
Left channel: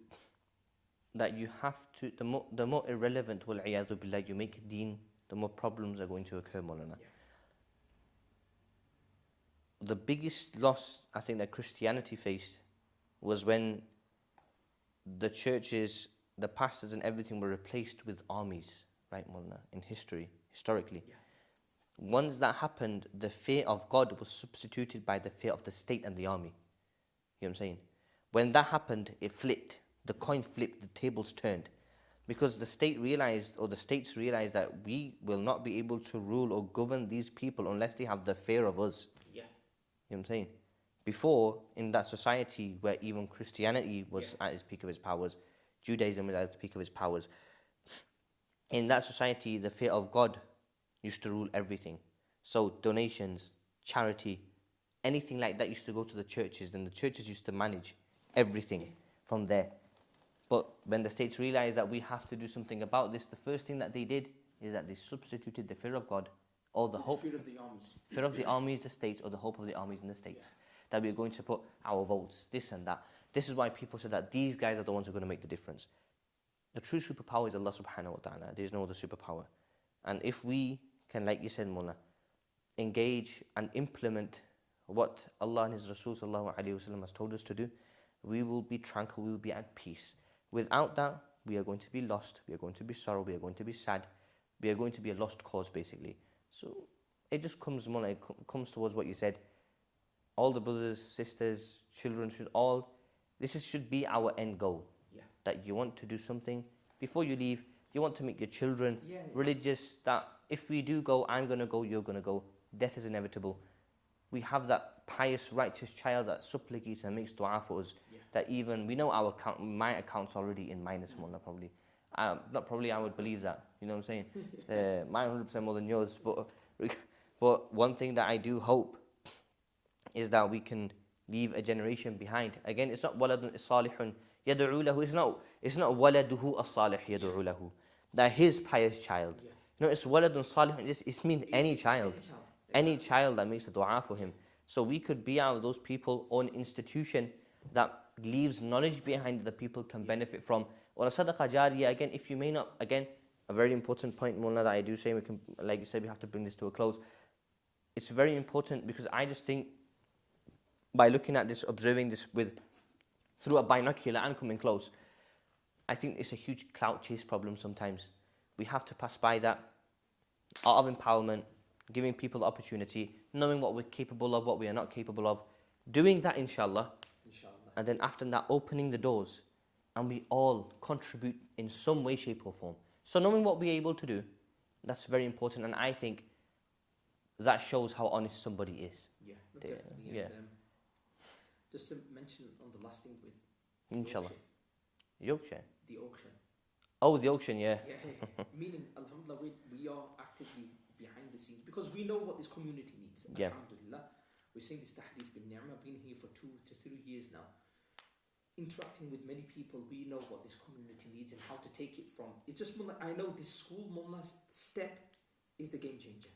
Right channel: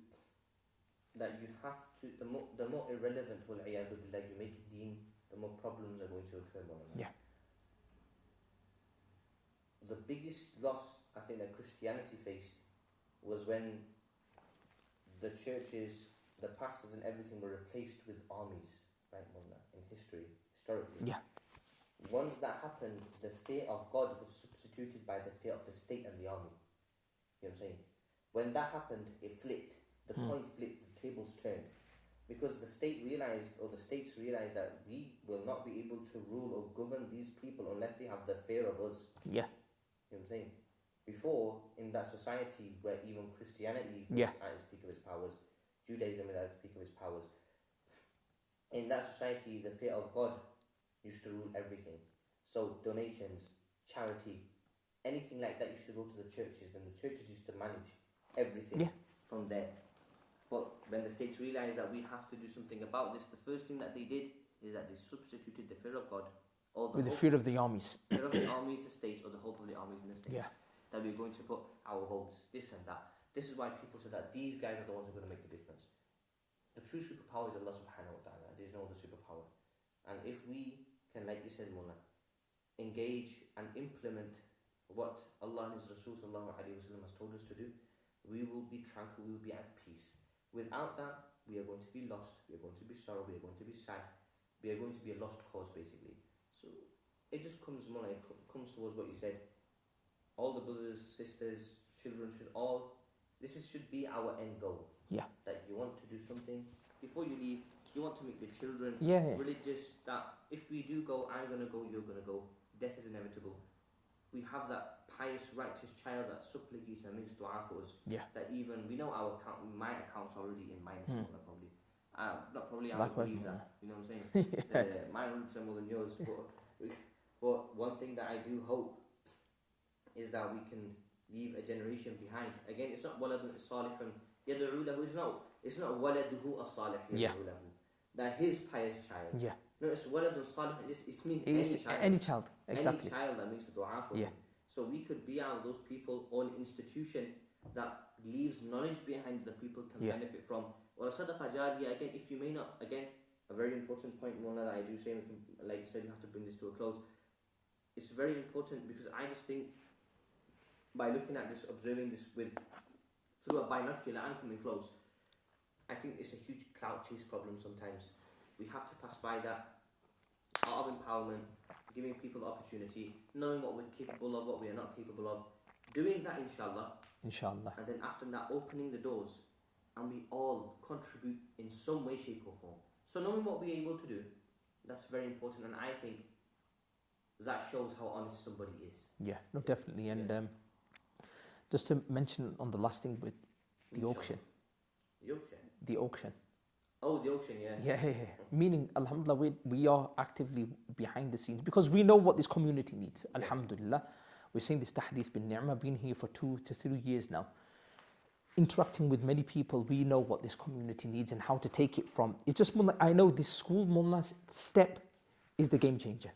that you have to, the more irrelevant, wal-'iyadhu billah, you make deen, the more problems are going to occur, Mullah. Yeah. The biggest loss, I think, that Christianity faced was when the churches, the pastors and everything were replaced with armies, right, Mullah, historically. Yeah. Once that happened, the fear of God was substituted by the fear of the state and the army. You know what I'm saying? When that happened, it flipped. The coin flipped, the tables turned. Because the state realized, or the states realized, that we will not be able to rule or govern these people unless they have the fear of us. Yeah. You know what I'm saying? Before, in that society where even Christianity was at its peak of its powers, Judaism was at its peak of its powers, in that society, the fear of God used to rule everything. So donations, charity, anything like that used to go to the churches, and the churches used to manage everything from there. But when the states realized that we have to do something about this, the first thing that they did is that they substituted the fear of God or the fear of the armies. Fear of the armies, the states, or the hope of the armies in the states. Yeah. That we're going to put our votes, this and that. This is why people say that these guys are the ones who are going to make the difference. The true superpower is Allah subhanahu wa ta'ala. There is no other superpower. And if we can, like you said, Mullah, engage and implement what Allah and His Rasul sallallahu alayhi wa sallam has told us to do, we will be tranquil, we will be at peace. Without that, we are going to be lost, we are going to be sorrow, we are going to be sad, we are going to be a lost cause, basically. So it just comes, Mullah, it comes towards what you said. All the brothers, sisters, children should be our end goal. Yeah. That you want to do something before you leave. You want to make your children religious. That if we do go, I'm going to go, you're going to go. Death is inevitable. We have that pious, righteous child that supplicates and makes dua for us. Yeah. That even we know our account, my account's already in minus one. Probably, not probably. I would believe that. You know what I'm saying? Mine 100% more than yours. But one thing that I do hope is that we can leave a generation behind. Again, it's not waladun salihun yad'u lahu. It's not waladuhu as-salih yad'u lahu. That his pious child. Yeah. No, it's waladun salihun. It means any child. Any child. Exactly. Any child that makes a dua for him. So we could be out of those people or an institution that leaves knowledge behind that people can benefit from, Or a sadaqah jariyah, again, if you may not, again, a very important point, Mullah, that I do say, we can, like you said, we have to bring this to a close. It's very important because I just think by looking at this, observing this through a binocular and coming close, I think it's a huge clout chase problem sometimes. We have to pass by that art of empowerment, giving people the opportunity, knowing what we're capable of, what we are not capable of, doing that inshallah, and then after that opening the doors, and we all contribute in some way, shape or form. So knowing what we're able to do, that's very important, and I think that shows how honest somebody is. Yeah, no, definitely. And just to mention on the last thing with the auction. The auction. Oh, the auction, yeah. Yeah. Meaning, alhamdulillah, we are actively behind the scenes because we know what this community needs. Yeah. Alhamdulillah. We're saying this tahdith bin ni'mah, been here for 2 to 3 years now. Interacting with many people, we know what this community needs and how to take it from. It's just, I know this school, Mullah's step is the game changer.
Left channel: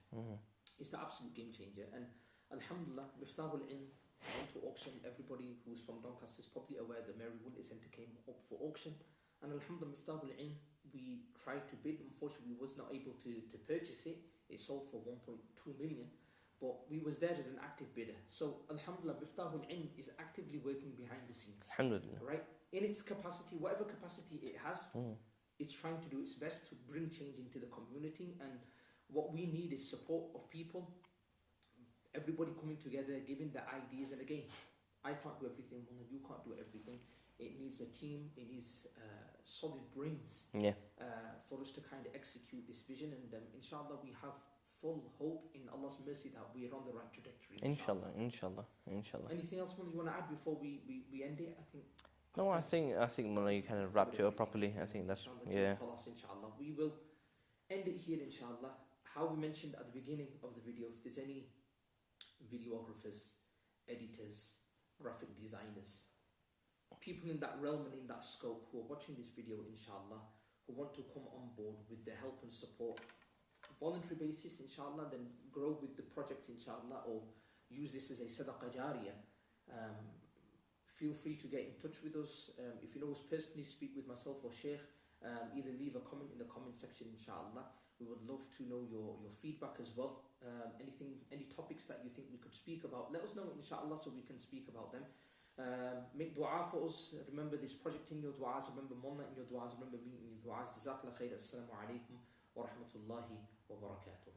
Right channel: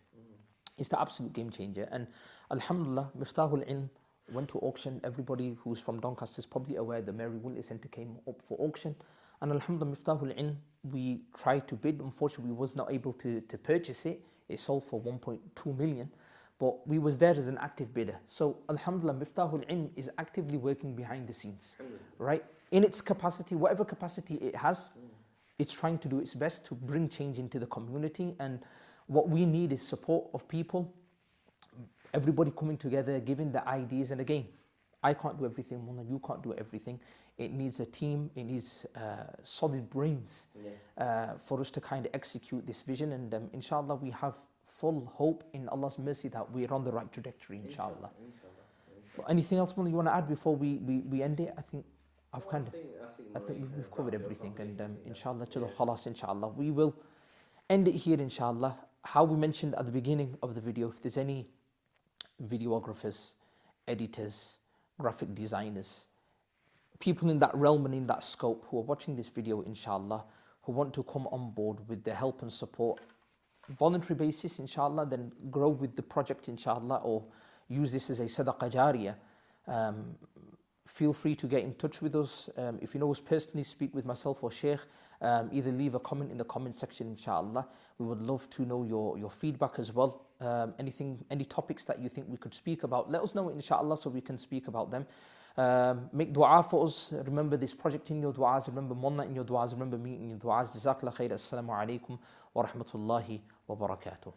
It's the absolute game changer. And alhamdulillah, Miftahul Ilm went to auction. Everybody who's from Doncaster is probably aware the Mary Willis Centre came up for auction. And alhamdulillah, Miftahul Ilm, we tried to bid. Unfortunately, we was not able to purchase it. It sold for 1.2 million. But we was there as an active bidder. So alhamdulillah, Miftahul Ilm is actively working behind the scenes. Right? In its capacity, whatever capacity it has, it's trying to do its best to bring change into the community. And what we need is support of people, everybody coming together, giving the ideas. And again, I can't do everything, Mullah, you can't do everything. It needs a team, it needs solid brains for us to kind of execute this vision. And inshallah, we have full hope in Allah's mercy that we're on the right trajectory, inshallah. Inshallah. Anything else, Mullah, you want to add before we end it? I think I think Mullah, you kind of wrapped it up properly. And, inshallah, inshallah. We will end it here, inshallah. How we mentioned at the beginning of the video, if there's any videographers, editors, graphic designers, people in that realm and in that scope who are watching this video, inshallah, who want to come on board with the help and support, voluntary basis, inshallah, then grow with the project, inshallah, or use this as a sadaqah jariyah, feel free to get in touch with us. If you know us personally, speak with myself or Shaykh. Either leave a comment in the comment section, inshallah. We would love to know your feedback as well. Any topics that you think we could speak about, let us know, inshallah, so we can speak about them. Make dua for us. Remember this project in your du'as. Remember Mullah in your du'as. Remember me in your du'as. Jazakallah khair. Assalamu alaikum wa rahmatullahi wa barakatuh.